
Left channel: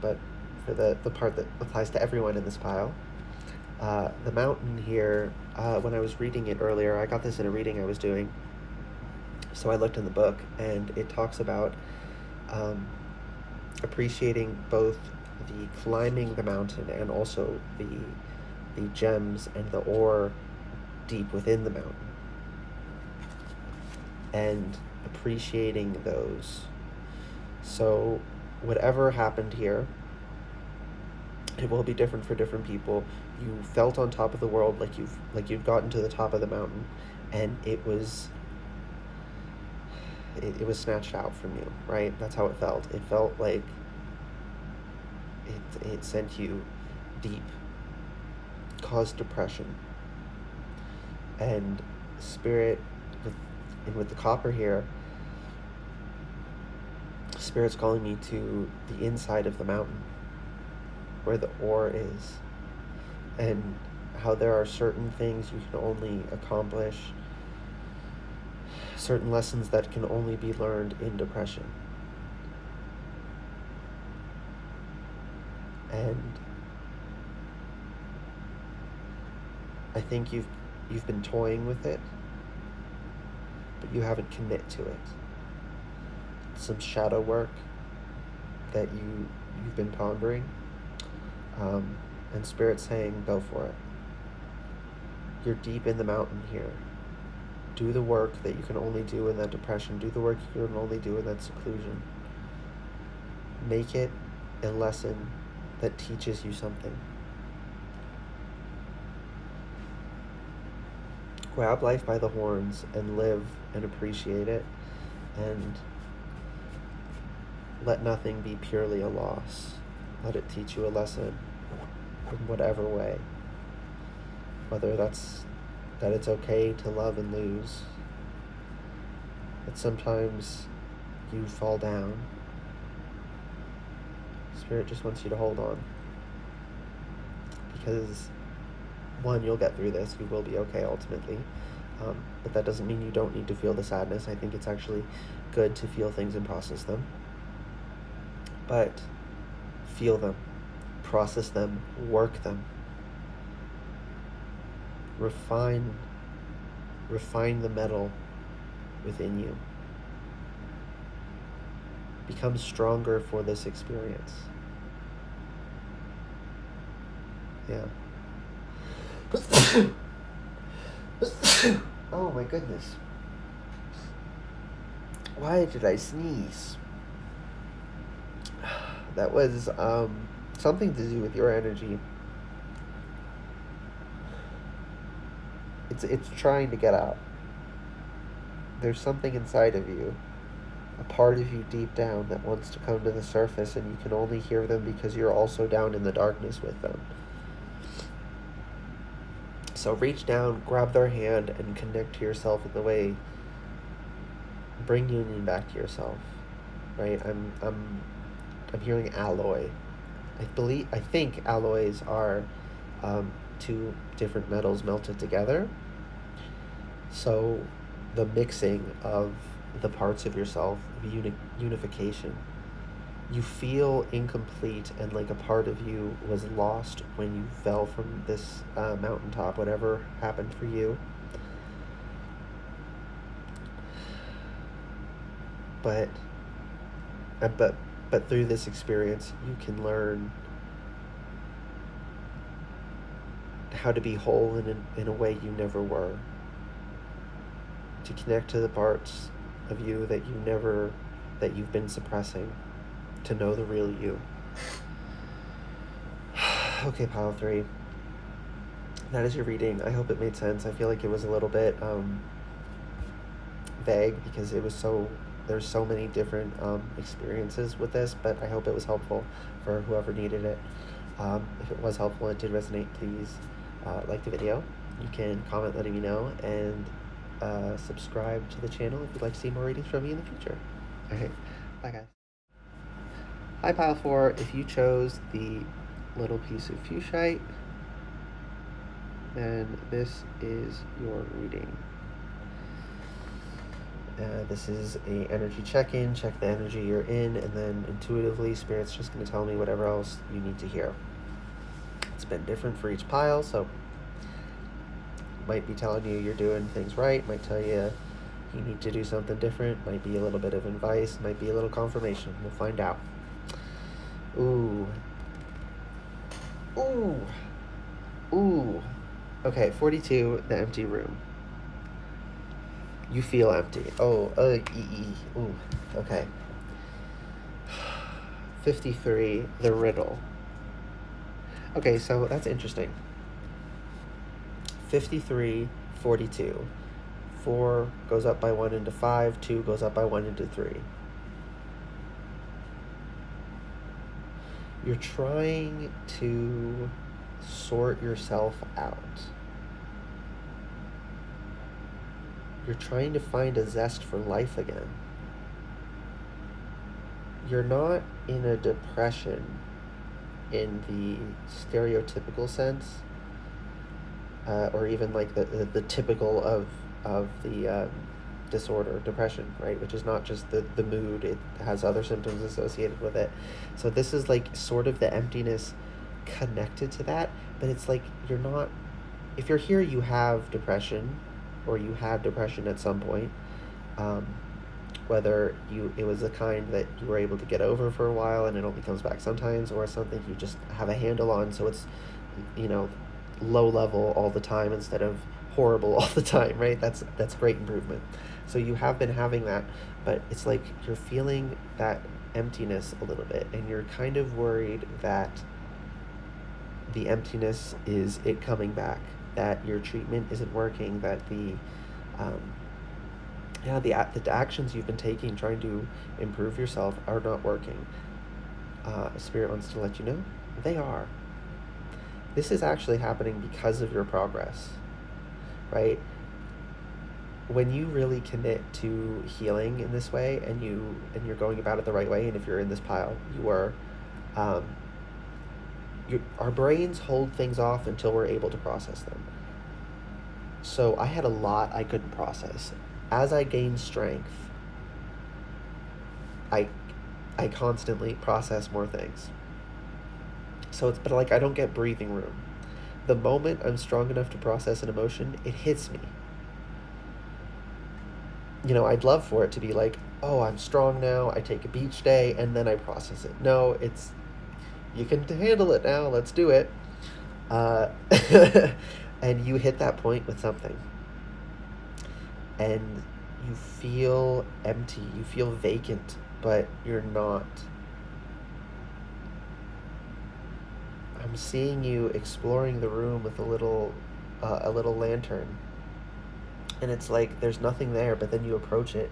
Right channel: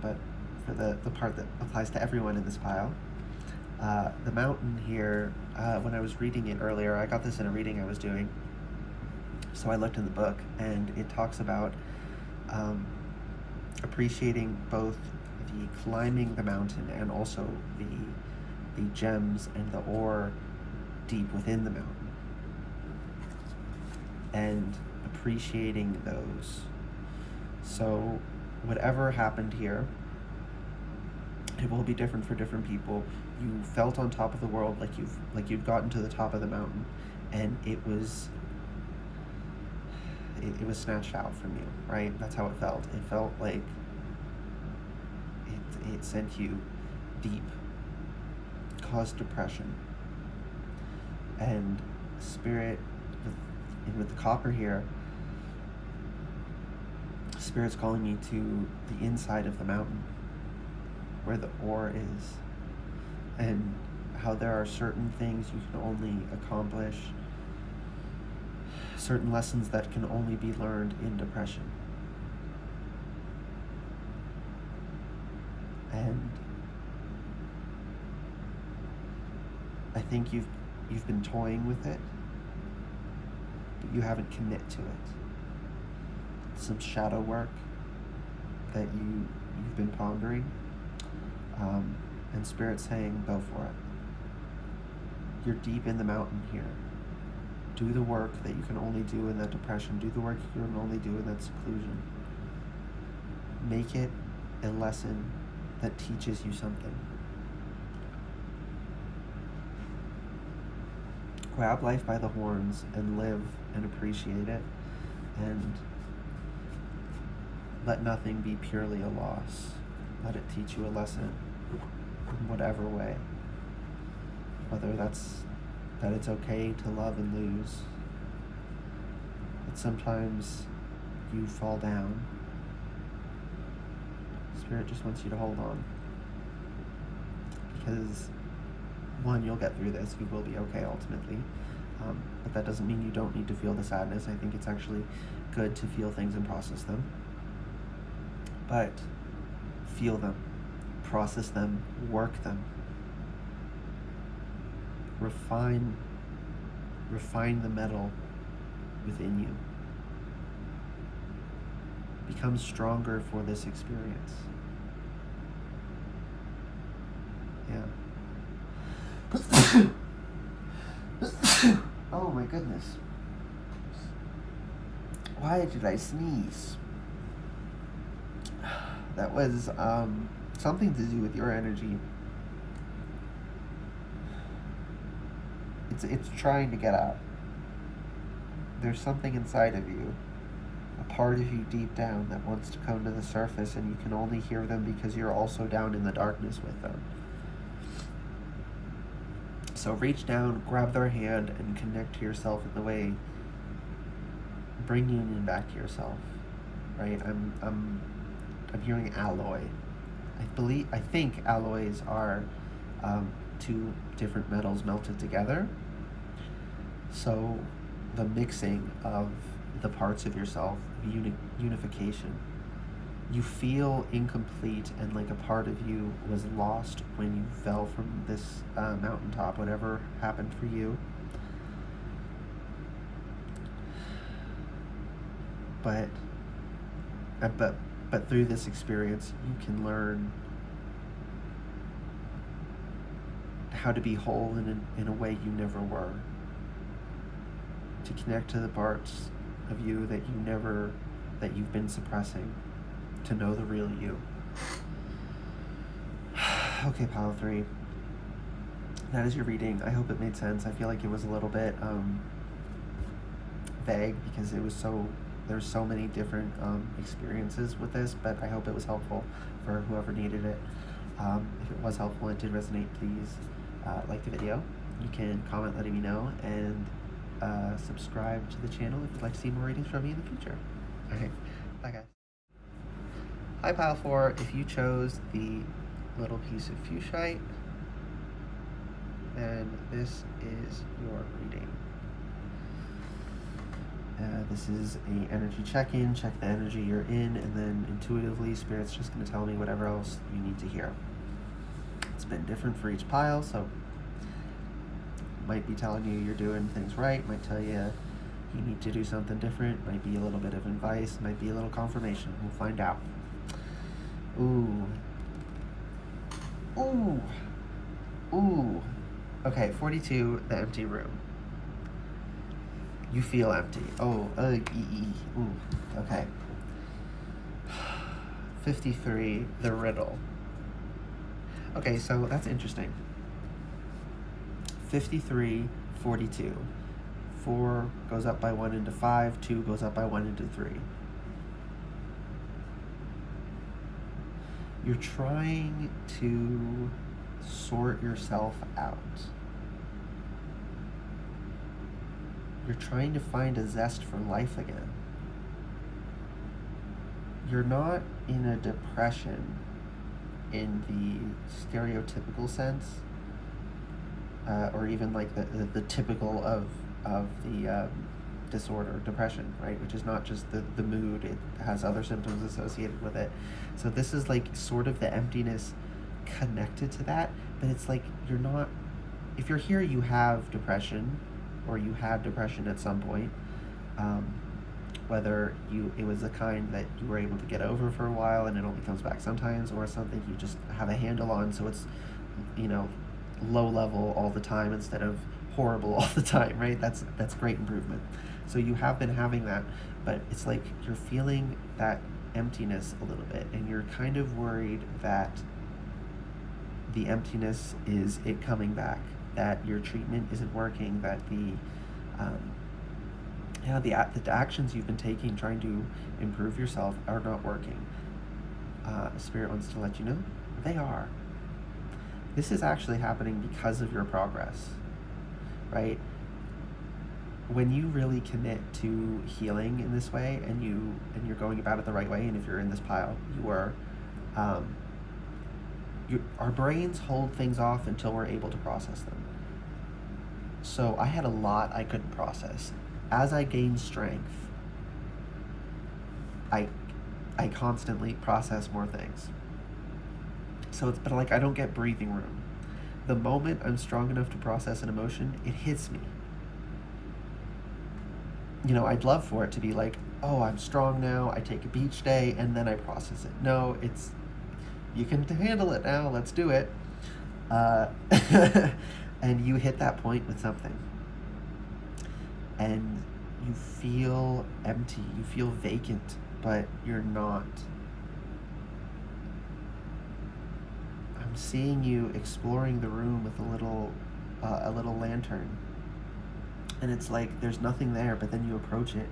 But for the part that applies to everyone in this pile, the mountain here, when I was reading it earlier, I got this in a reading I was doing, so I looked in the book, and it talks about appreciating both the climbing the mountain and also the gems and the ore deep within the mountain, and appreciating those. So whatever happened here, it will be different for different people. You felt on top of the world, like you'd gotten to the top of the mountain, and it was snatched out from you, right? That's how it felt. It felt like it sent you deep, caused depression. And Spirit, with the copper here, Spirit's calling me to the inside of the mountain, where the ore is, and how there are certain things you can only accomplish, certain lessons that can only be learned in depression. And I think you've been toying with it, but you haven't committed to it. Some shadow work that you've been pondering, and Spirit's saying, go for it. You're deep in the mountain here. Do the work that you can only do in that depression. Do the work you can only do in that seclusion. Make it a lesson that teaches you something. Grab life by the horns and live and appreciate it, and let nothing be purely a loss. Let it teach you a lesson in whatever way. Whether that's that it's okay to love and lose, that sometimes you fall down. Spirit just wants you to hold on. Because, one, you'll get through this. You will be okay ultimately. But that doesn't mean you don't need to feel the sadness. I think it's actually good to feel things and process them. But feel them, process them, work them. Refine the metal within you. Become stronger for this experience. Yeah. Oh my goodness. Why did I sneeze? That was something to do with your energy. It's trying to get out. There's something inside of you, a part of you deep down that wants to come to the surface, and you can only hear them because you're also down in the darkness with them. So reach down, grab their hand, and connect to yourself in the way. Bring union back to yourself, right? I'm hearing alloy. I think alloys are two different metals melted together. So the mixing of the parts of yourself, unification. You feel incomplete, and like a part of you was lost when you fell from this mountaintop, whatever happened for you. But through this experience, you can learn how to be whole in a way you never were. To connect to the parts of you that you've been suppressing. To know the real you. Okay, pile 3. That is your reading. I hope it made sense. I feel like it was a little bit vague because there's so many different experiences with this, but I hope it was helpful for whoever needed it. If it was helpful and did resonate, please like the video. You can comment letting me know, and subscribe to the channel if you'd like to see more readings from me in the future. Alright, bye guys. Hi Pile 4, if you chose the little piece of fuchsite, then this is your reading. This is a energy check-in, check the energy you're in, and then intuitively, Spirit's just going to tell me whatever else you need to hear. It's been different for each pile, so might be telling you you're doing things right, might tell you you need to do something different, might be a little bit of advice, might be a little confirmation. We'll find out. Ooh. Ooh. Ooh. Okay, 42, the empty room. You feel empty. Oh, ooh, okay. 53, the riddle. Okay, so that's interesting. 53, 42. 4 goes up by 1 into 5, 2 goes up by 1 into 3. You're trying to sort yourself out. You're trying to find a zest for life again. You're not in a depression in the stereotypical sense, or even like the typical of the disorder, depression, right? Which is not just the mood, it has other symptoms associated with it. So this is like sort of the emptiness connected to that, but it's like you're not, if you're here, you have depression, or you had depression at some point, whether it was the kind that you were able to get over for a while and it only comes back sometimes, or something you just have a handle on, so it's, low level all the time instead of horrible all the time, right? That's great improvement. So you have been having that, but it's like you're feeling that emptiness a little bit, and you're kind of worried that the emptiness is it coming back, that your treatment isn't working, that the actions you've been taking trying to improve yourself are not working. Spirit wants to let you know they are. This is actually happening because of your progress, right? When you really commit to healing in this way, and you're going about it the right way, and if you're in this pile, you are. Our brains hold things off until we're able to process them. So I had a lot I couldn't process. As I gained strength, I constantly process more things. So but like I don't get breathing room. The moment I'm strong enough to process an emotion, it hits me. I'd love for it to be like, oh, I'm strong now, I take a beach day, and then I process it. No, it's, you can handle it now, let's do it. And you hit that point with something. And you feel empty, you feel vacant, but you're not. I'm seeing you exploring the room with a little lantern. And it's like there's nothing there, but then you approach it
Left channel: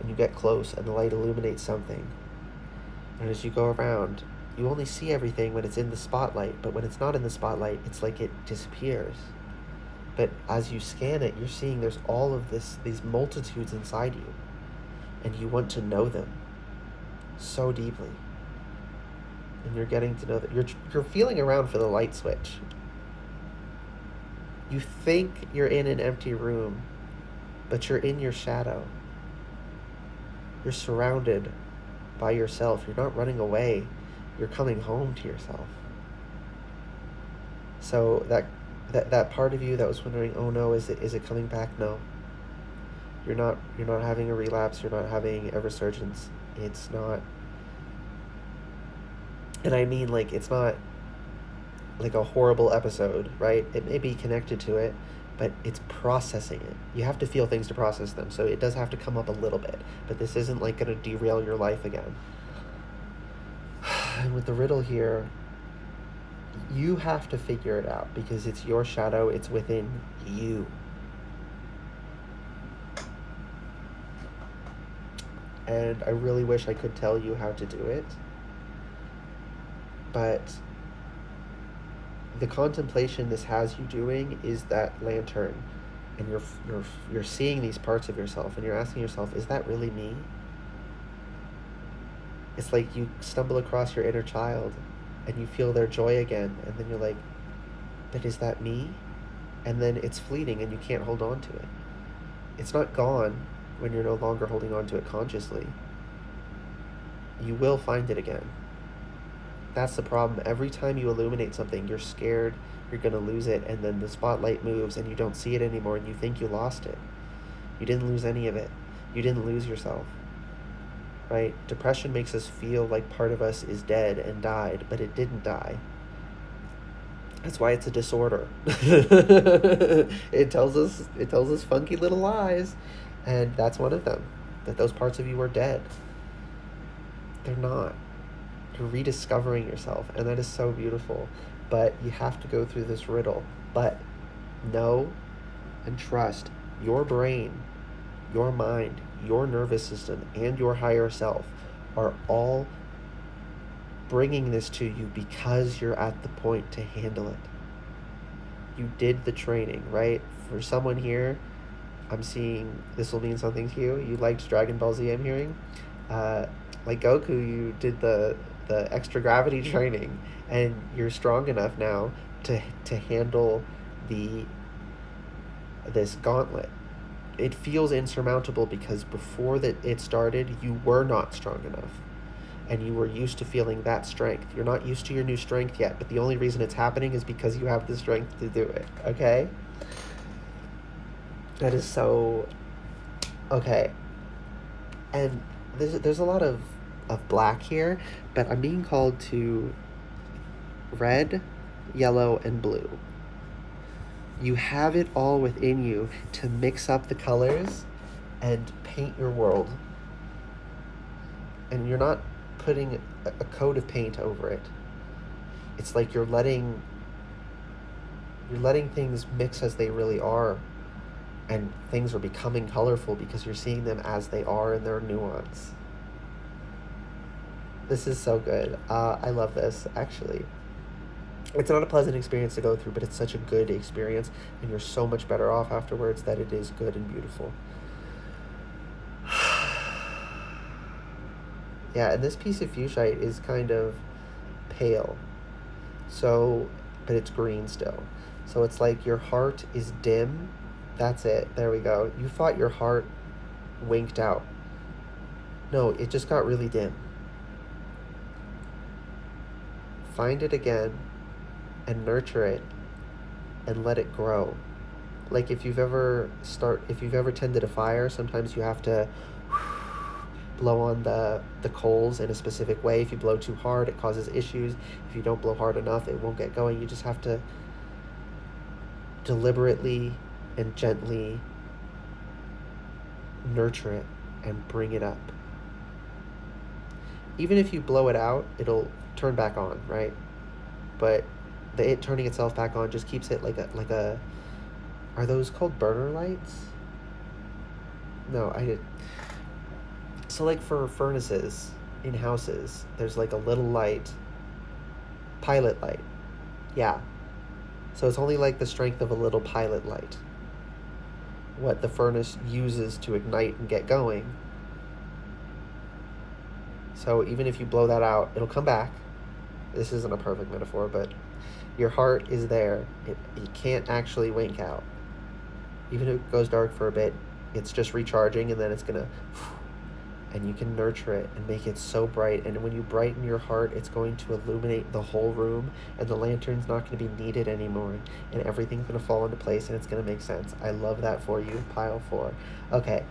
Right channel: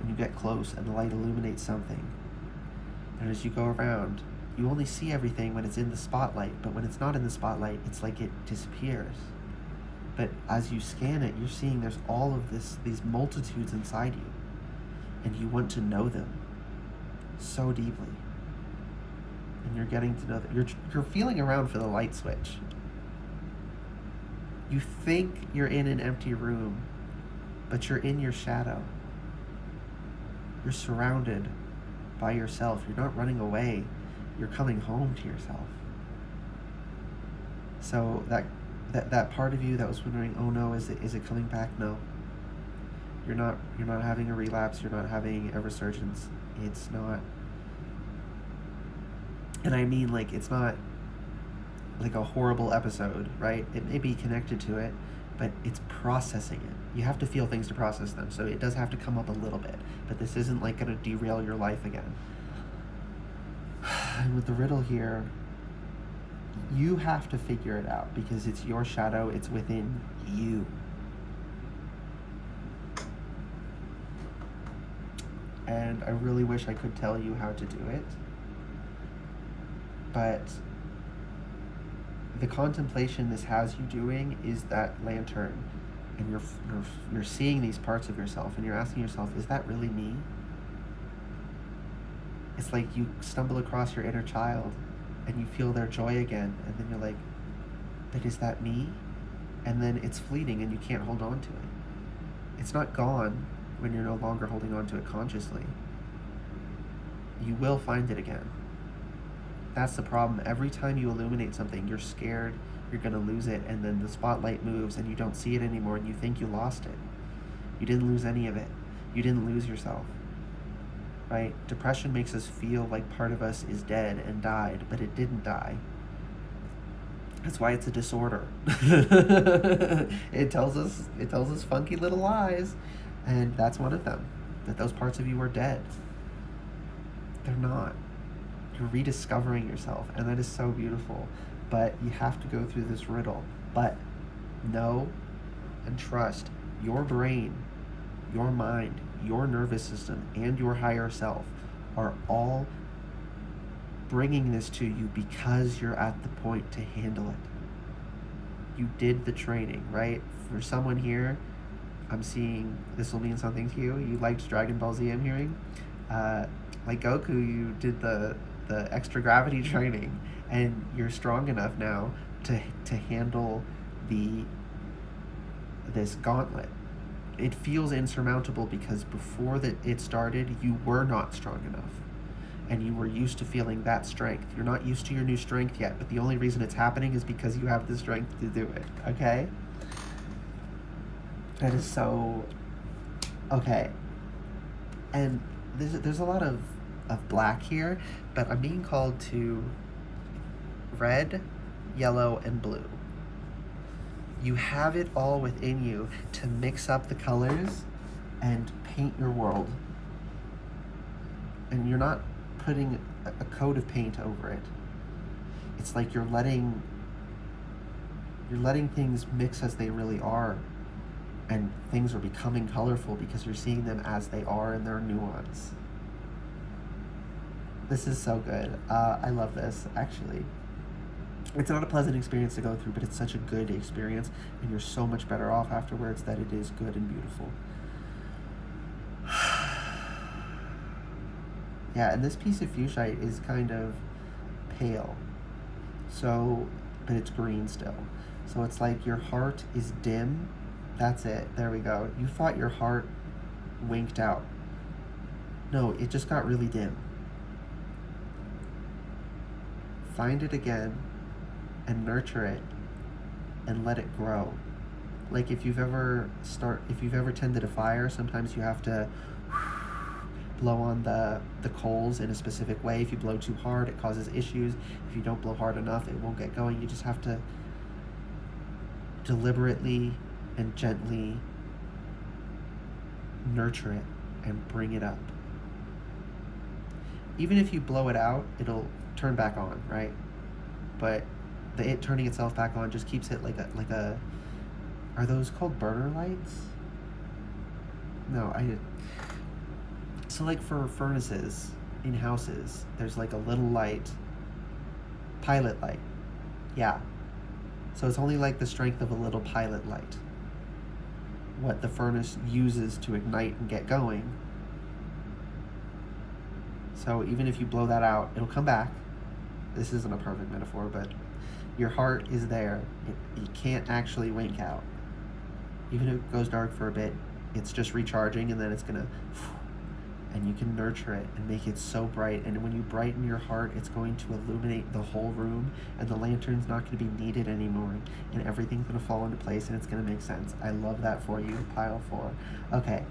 and you get close and the light illuminates something. And as you go around, you only see everything when it's in the spotlight, but when it's not in the spotlight, it's like it disappears. But as you scan it, you're seeing there's all of these multitudes inside you, and you want to know them so deeply. And you're getting to know that you're feeling around for the light switch. You think you're in an empty room, but you're in your shadow. You're surrounded by yourself. You're not running away. You're coming home to yourself. So that part of you that was wondering, oh no, is it coming back? No. You're not having a relapse. You're not having a resurgence. It's not. And I mean, like, it's not like a horrible episode, right? It may be connected to it, but it's processing it. You have to feel things to process them, so it does have to come up a little bit. But this isn't like going to derail your life again. And with the riddle here, you have to figure it out because it's your shadow, it's within you. and I really wish I could tell you how to do it. But the contemplation this has you doing is that lantern, and you're seeing these parts of yourself, and you're asking yourself, is that really me? It's like you stumble across your inner child and you feel their joy again, and then you're like, but is that me? And then it's fleeting and you can't hold on to it. It's not gone when you're no longer holding on to it consciously. You will find it again. That's the problem. Every time you illuminate something, you're scared you're going to lose it, and then the spotlight moves and you don't see it anymore and you think you lost it. You didn't lose any of it. You didn't lose yourself. Right? Depression makes us feel like part of us is dead and died, but it didn't die. That's why it's a disorder. It tells us funky little lies, and that's one of them. That those parts of you are dead. They're not. You're rediscovering yourself, and that is so beautiful. But you have to go through this riddle. But know and trust your brain, your mind, your nervous system, and your higher self are all bringing this to you because you're at the point to handle it. You did the training, right? For someone here, I'm seeing this will mean something to you. You liked Dragon Ball Z, I'm hearing. Like Goku, you did the extra gravity training, and you're strong enough now to handle this gauntlet. It feels insurmountable because before that it started, you were not strong enough, and you were used to feeling that strength. You're not used to your new strength yet, but the only reason it's happening is because you have the strength to do it. Okay? That is so okay. And there's a lot of black here, but I'm being called to red, yellow, and blue. You have it all within you to mix up the colors and paint your world. And you're not putting a coat of paint over it. It's like you're letting things mix as they really are, and things are becoming colorful because you're seeing them as they are in their nuance. This is so good. I love this, actually. It's not a pleasant experience to go through, but it's such a good experience, and you're so much better off afterwards that it is good and beautiful. Yeah, and this piece of fuchsite is kind of pale, so, but it's green still. So it's like your heart is dim. That's it. There we go. You thought your heart winked out. No, it just got really dim. Find it again and nurture it and let it grow. Like if you've ever tended a fire, sometimes you have to blow on the coals in a specific way. If you blow too hard, it causes issues. If you don't blow hard enough, it won't get going. You just have to deliberately and gently nurture it and bring it up. Even if you blow it out, it'll turn back on, right? But it turning itself back on just keeps it like a are those called burner lights? No, I did. So like for furnaces in houses, there's like a little light, pilot light. Yeah. So it's only like the strength of a little pilot light. What the furnace uses to ignite and get going. So even if you blow that out, it'll come back. This isn't a perfect metaphor, but your heart is there. It can't actually wink out. Even if it goes dark for a bit, it's just recharging, and then it's gonna, and you can nurture it and make it so bright. And when you brighten your heart, it's going to illuminate the whole room, and the lantern's not going to be needed anymore, and everything's going to fall into place, and it's going to make sense. I love that for you, pile 4. Okay.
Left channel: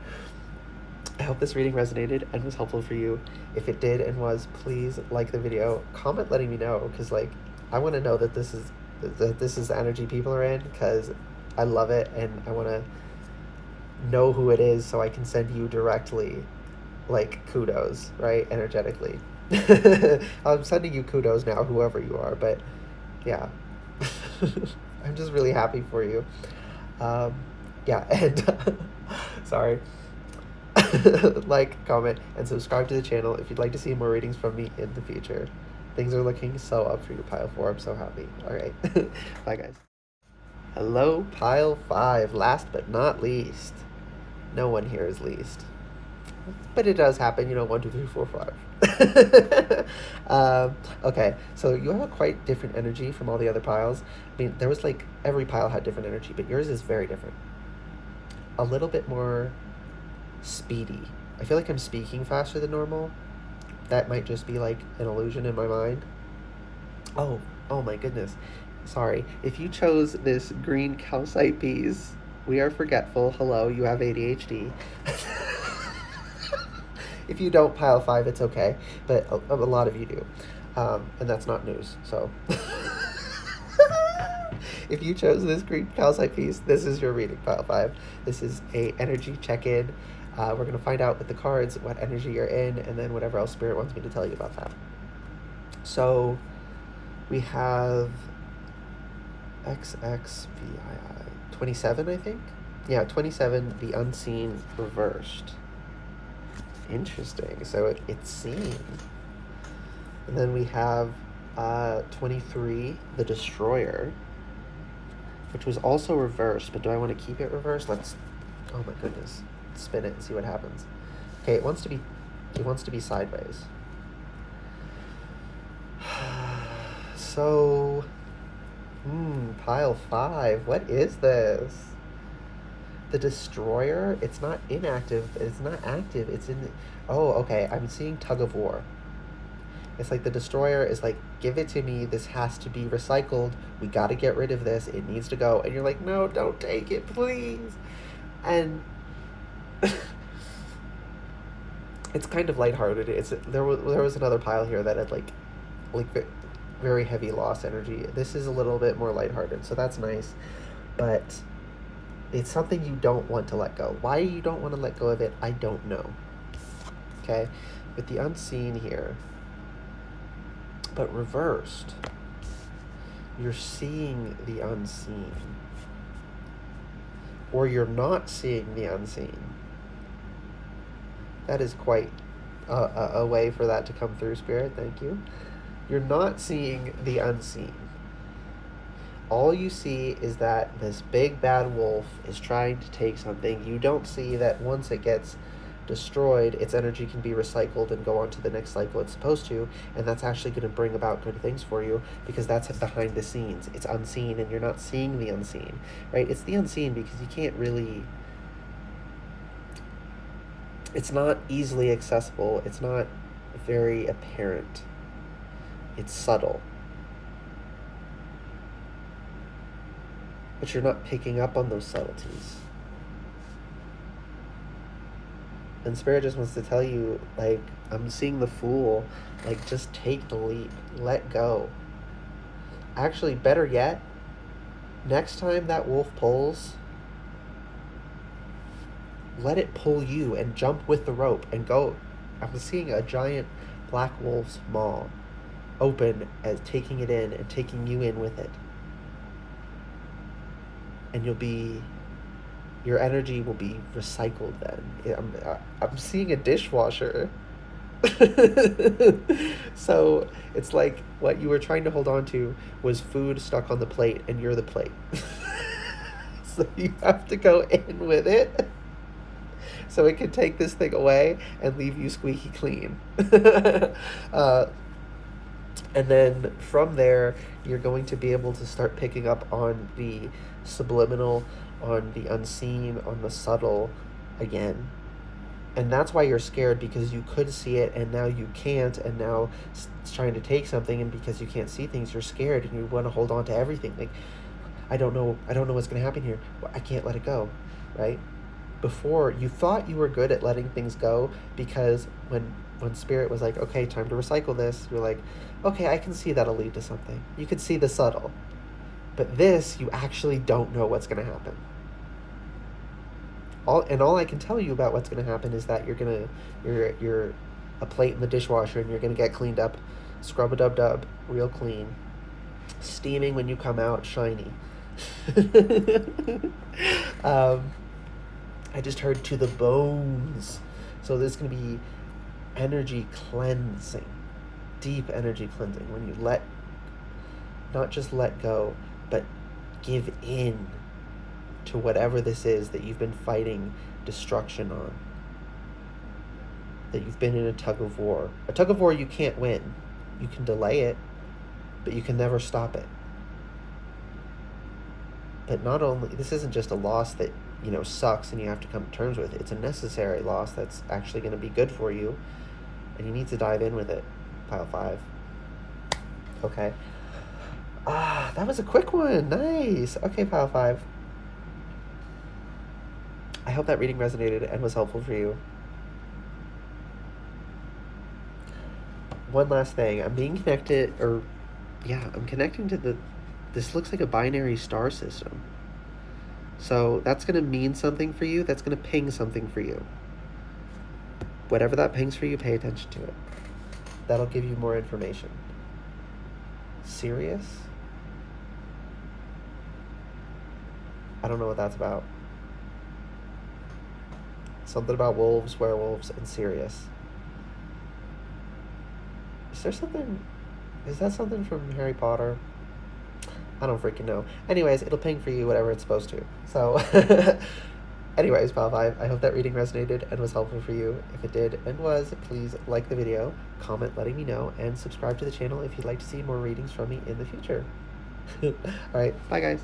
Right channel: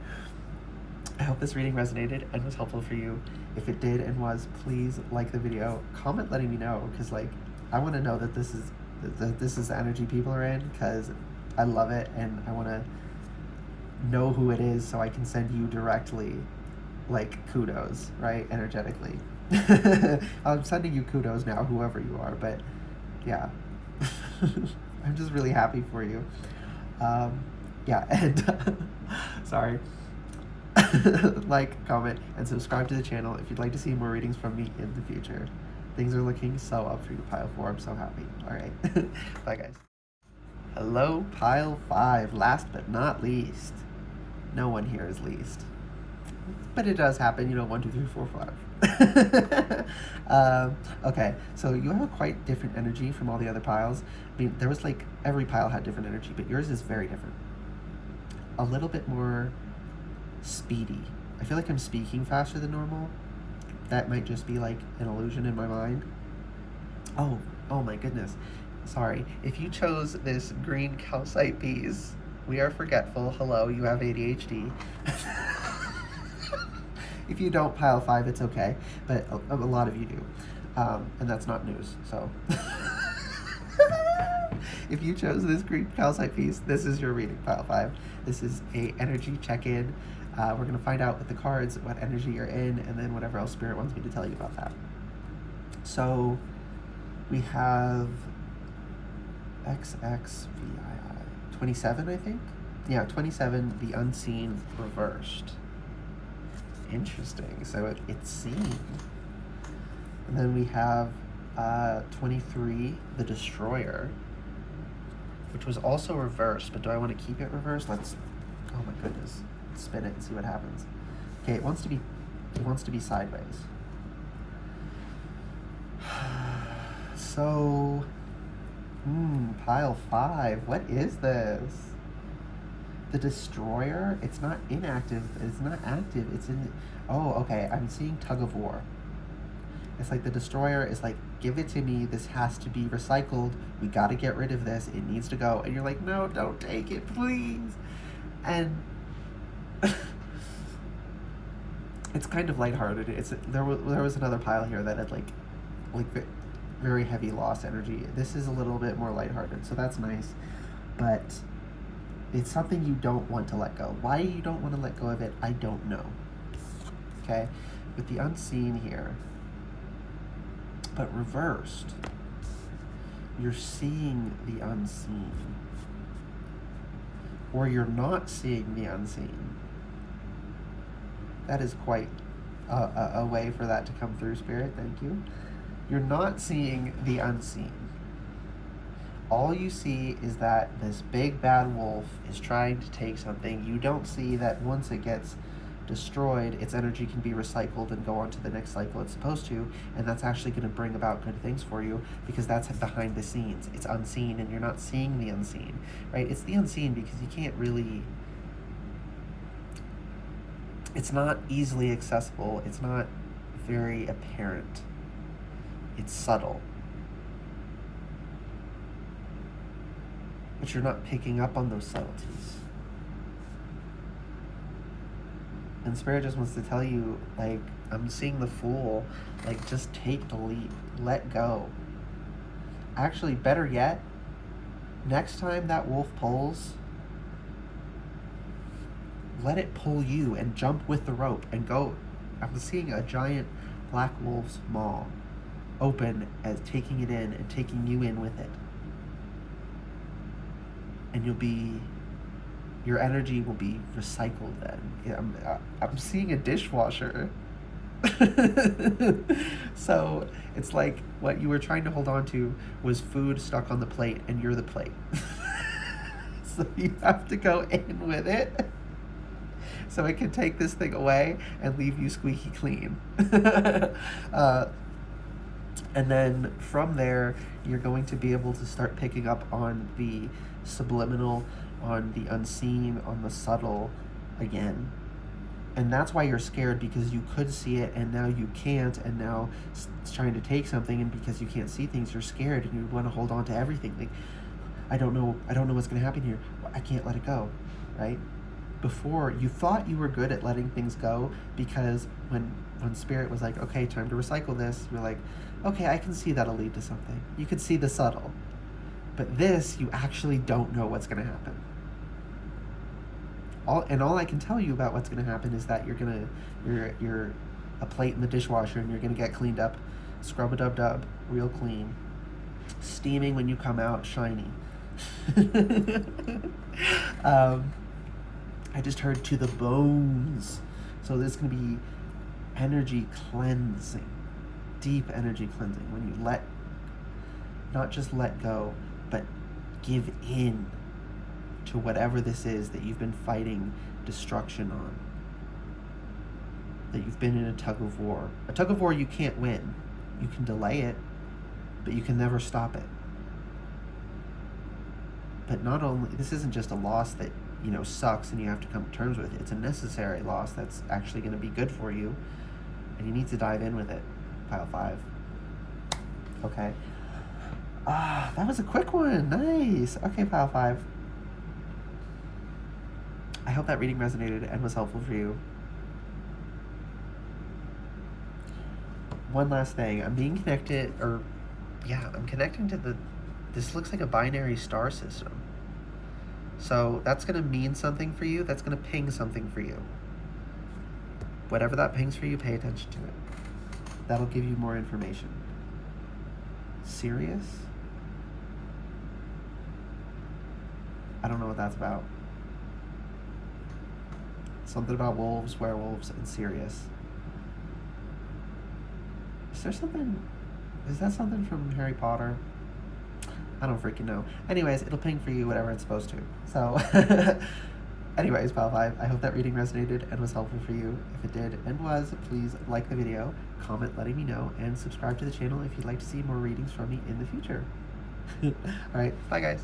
I hope this reading resonated and was helpful for you. If it did and was, please like the video. Comment letting me know, because like I want to know that this is the energy people are in, because I love it, and I want to know who it is so I can send you directly like kudos, right? Energetically. I'm sending you kudos now, whoever you are, but yeah. I'm just really happy for you. Yeah, and sorry. like, comment, and subscribe to the channel if you'd like to see more readings from me in the future. Things are looking so up for you, Pile 4. I'm so happy. Alright. Bye, guys. Hello, Pile 5. Last but not least. No one here is least. But it does happen, 1, 2, 3, 4, 5. Okay, so you have a quite different energy from all the other piles. I mean, there was like, every pile had different energy, but yours is very different. A little bit more speedy. I feel like I'm speaking faster than normal. That might just be like an illusion in my mind. Oh my goodness. Sorry. If you chose this green calcite piece, we are forgetful. Hello, you have ADHD. If you don't, Pile 5, it's okay. But a lot of you do. And that's not news, so. If you chose this green calcite piece, this is your reading, Pile 5. This is a energy check-in. We're going to find out with the cards what energy you're in, and then whatever else Spirit wants me to tell you about that. So, we have XXVII, 27, I think? Yeah, 27, the unseen reversed. Interesting. So it's seen. And then we have 23, the destroyer, which was also reversed, but do I want to keep it reversed? Let's, oh my goodness, spin it and see what happens. Okay, it wants to be sideways. So, Pile 5, what is this? The destroyer, it's not inactive, it's not active, it's in, oh, okay, I'm seeing tug of war. It's like the destroyer is like, give it to me, this has to be recycled, we gotta get rid of this, it needs to go, and you're like, no, don't take it, please. And it's kind of lighthearted. There was another pile here that had like very heavy loss energy. This is a little bit more lighthearted, so that's nice, but it's something you don't want to let go. Why you don't want to let go of it, I don't know. Okay, with the unseen here, but reversed, you're seeing the unseen, or you're not seeing the unseen. That is quite a way for that to come through, Spirit. Thank you. You're not seeing the unseen. All you see is that this big bad wolf is trying to take something. You don't see that once it gets destroyed, its energy can be recycled and go on to the next cycle it's supposed to, and that's actually going to bring about good things for you, because that's behind the scenes. It's unseen, and you're not seeing the unseen, right? It's the unseen because you can't really... It's not easily accessible. It's not very apparent. It's subtle. But you're not picking up on those subtleties. And Spirit just wants to tell you, like, I'm seeing the Fool. Like, just take the leap. Let go. Actually, better yet, next time that wolf pulls, let it pull you and jump with the rope and go. I'm seeing a giant black wolf's maw open as taking it in and taking you in with it. And your energy will be recycled then. I'm seeing a dishwasher. So it's like what you were trying to hold on to was food stuck on the plate, and you're the plate. So you have to go in with it so it can take this thing away and leave you squeaky clean. And then from there, you're going to be able to start picking up on the subliminal, on the unseen, on the subtle again. And that's why you're scared, because you could see it and now you can't, and now it's trying to take something, and because you can't see things, you're scared and you want to hold on to everything. Like, I don't know what's going to happen here. I can't let it go, right? Before, you thought you were good at letting things go, because when Spirit was like, okay, time to recycle this, you're like, okay, I can see that'll lead to something. You can see the subtle. But this, you actually don't know what's going to happen. All I can tell you about what's going to happen is that you're a plate in the dishwasher, and you're going to get cleaned up, scrub-a-dub-dub, real clean, steaming when you come out, shiny. I just heard to the bones. So this is going to be energy cleansing, deep energy cleansing, when you not just let go, but give in to whatever this is that you've been fighting destruction on, that you've been in a tug of war. A tug of war you can't win. You can delay it, but you can never stop it. But not only, this isn't just a loss that, sucks and you have to come to terms with. It's a necessary loss that's actually going to be good for you, and you need to dive in with it, pile 5. Okay. That was a quick one. Nice. Okay, pile 5. I hope that reading resonated and was helpful for you. One last thing. I'm connecting to this looks like a binary star system. So that's going to mean something for you. That's going to ping something for you. Whatever that pings for you, pay attention to it. That'll give you more information. Sirius? I don't know what that's about. Something about wolves, werewolves, and Sirius. Is that something from Harry Potter? I don't freaking know. Anyways, it'll ping for you whatever it's supposed to. So, anyways, pile 5, I hope that reading resonated and was helpful for you. If it did and was, please like the video, comment letting me know, and subscribe to the channel if you'd like to see more readings from me in the future. Alright, bye guys.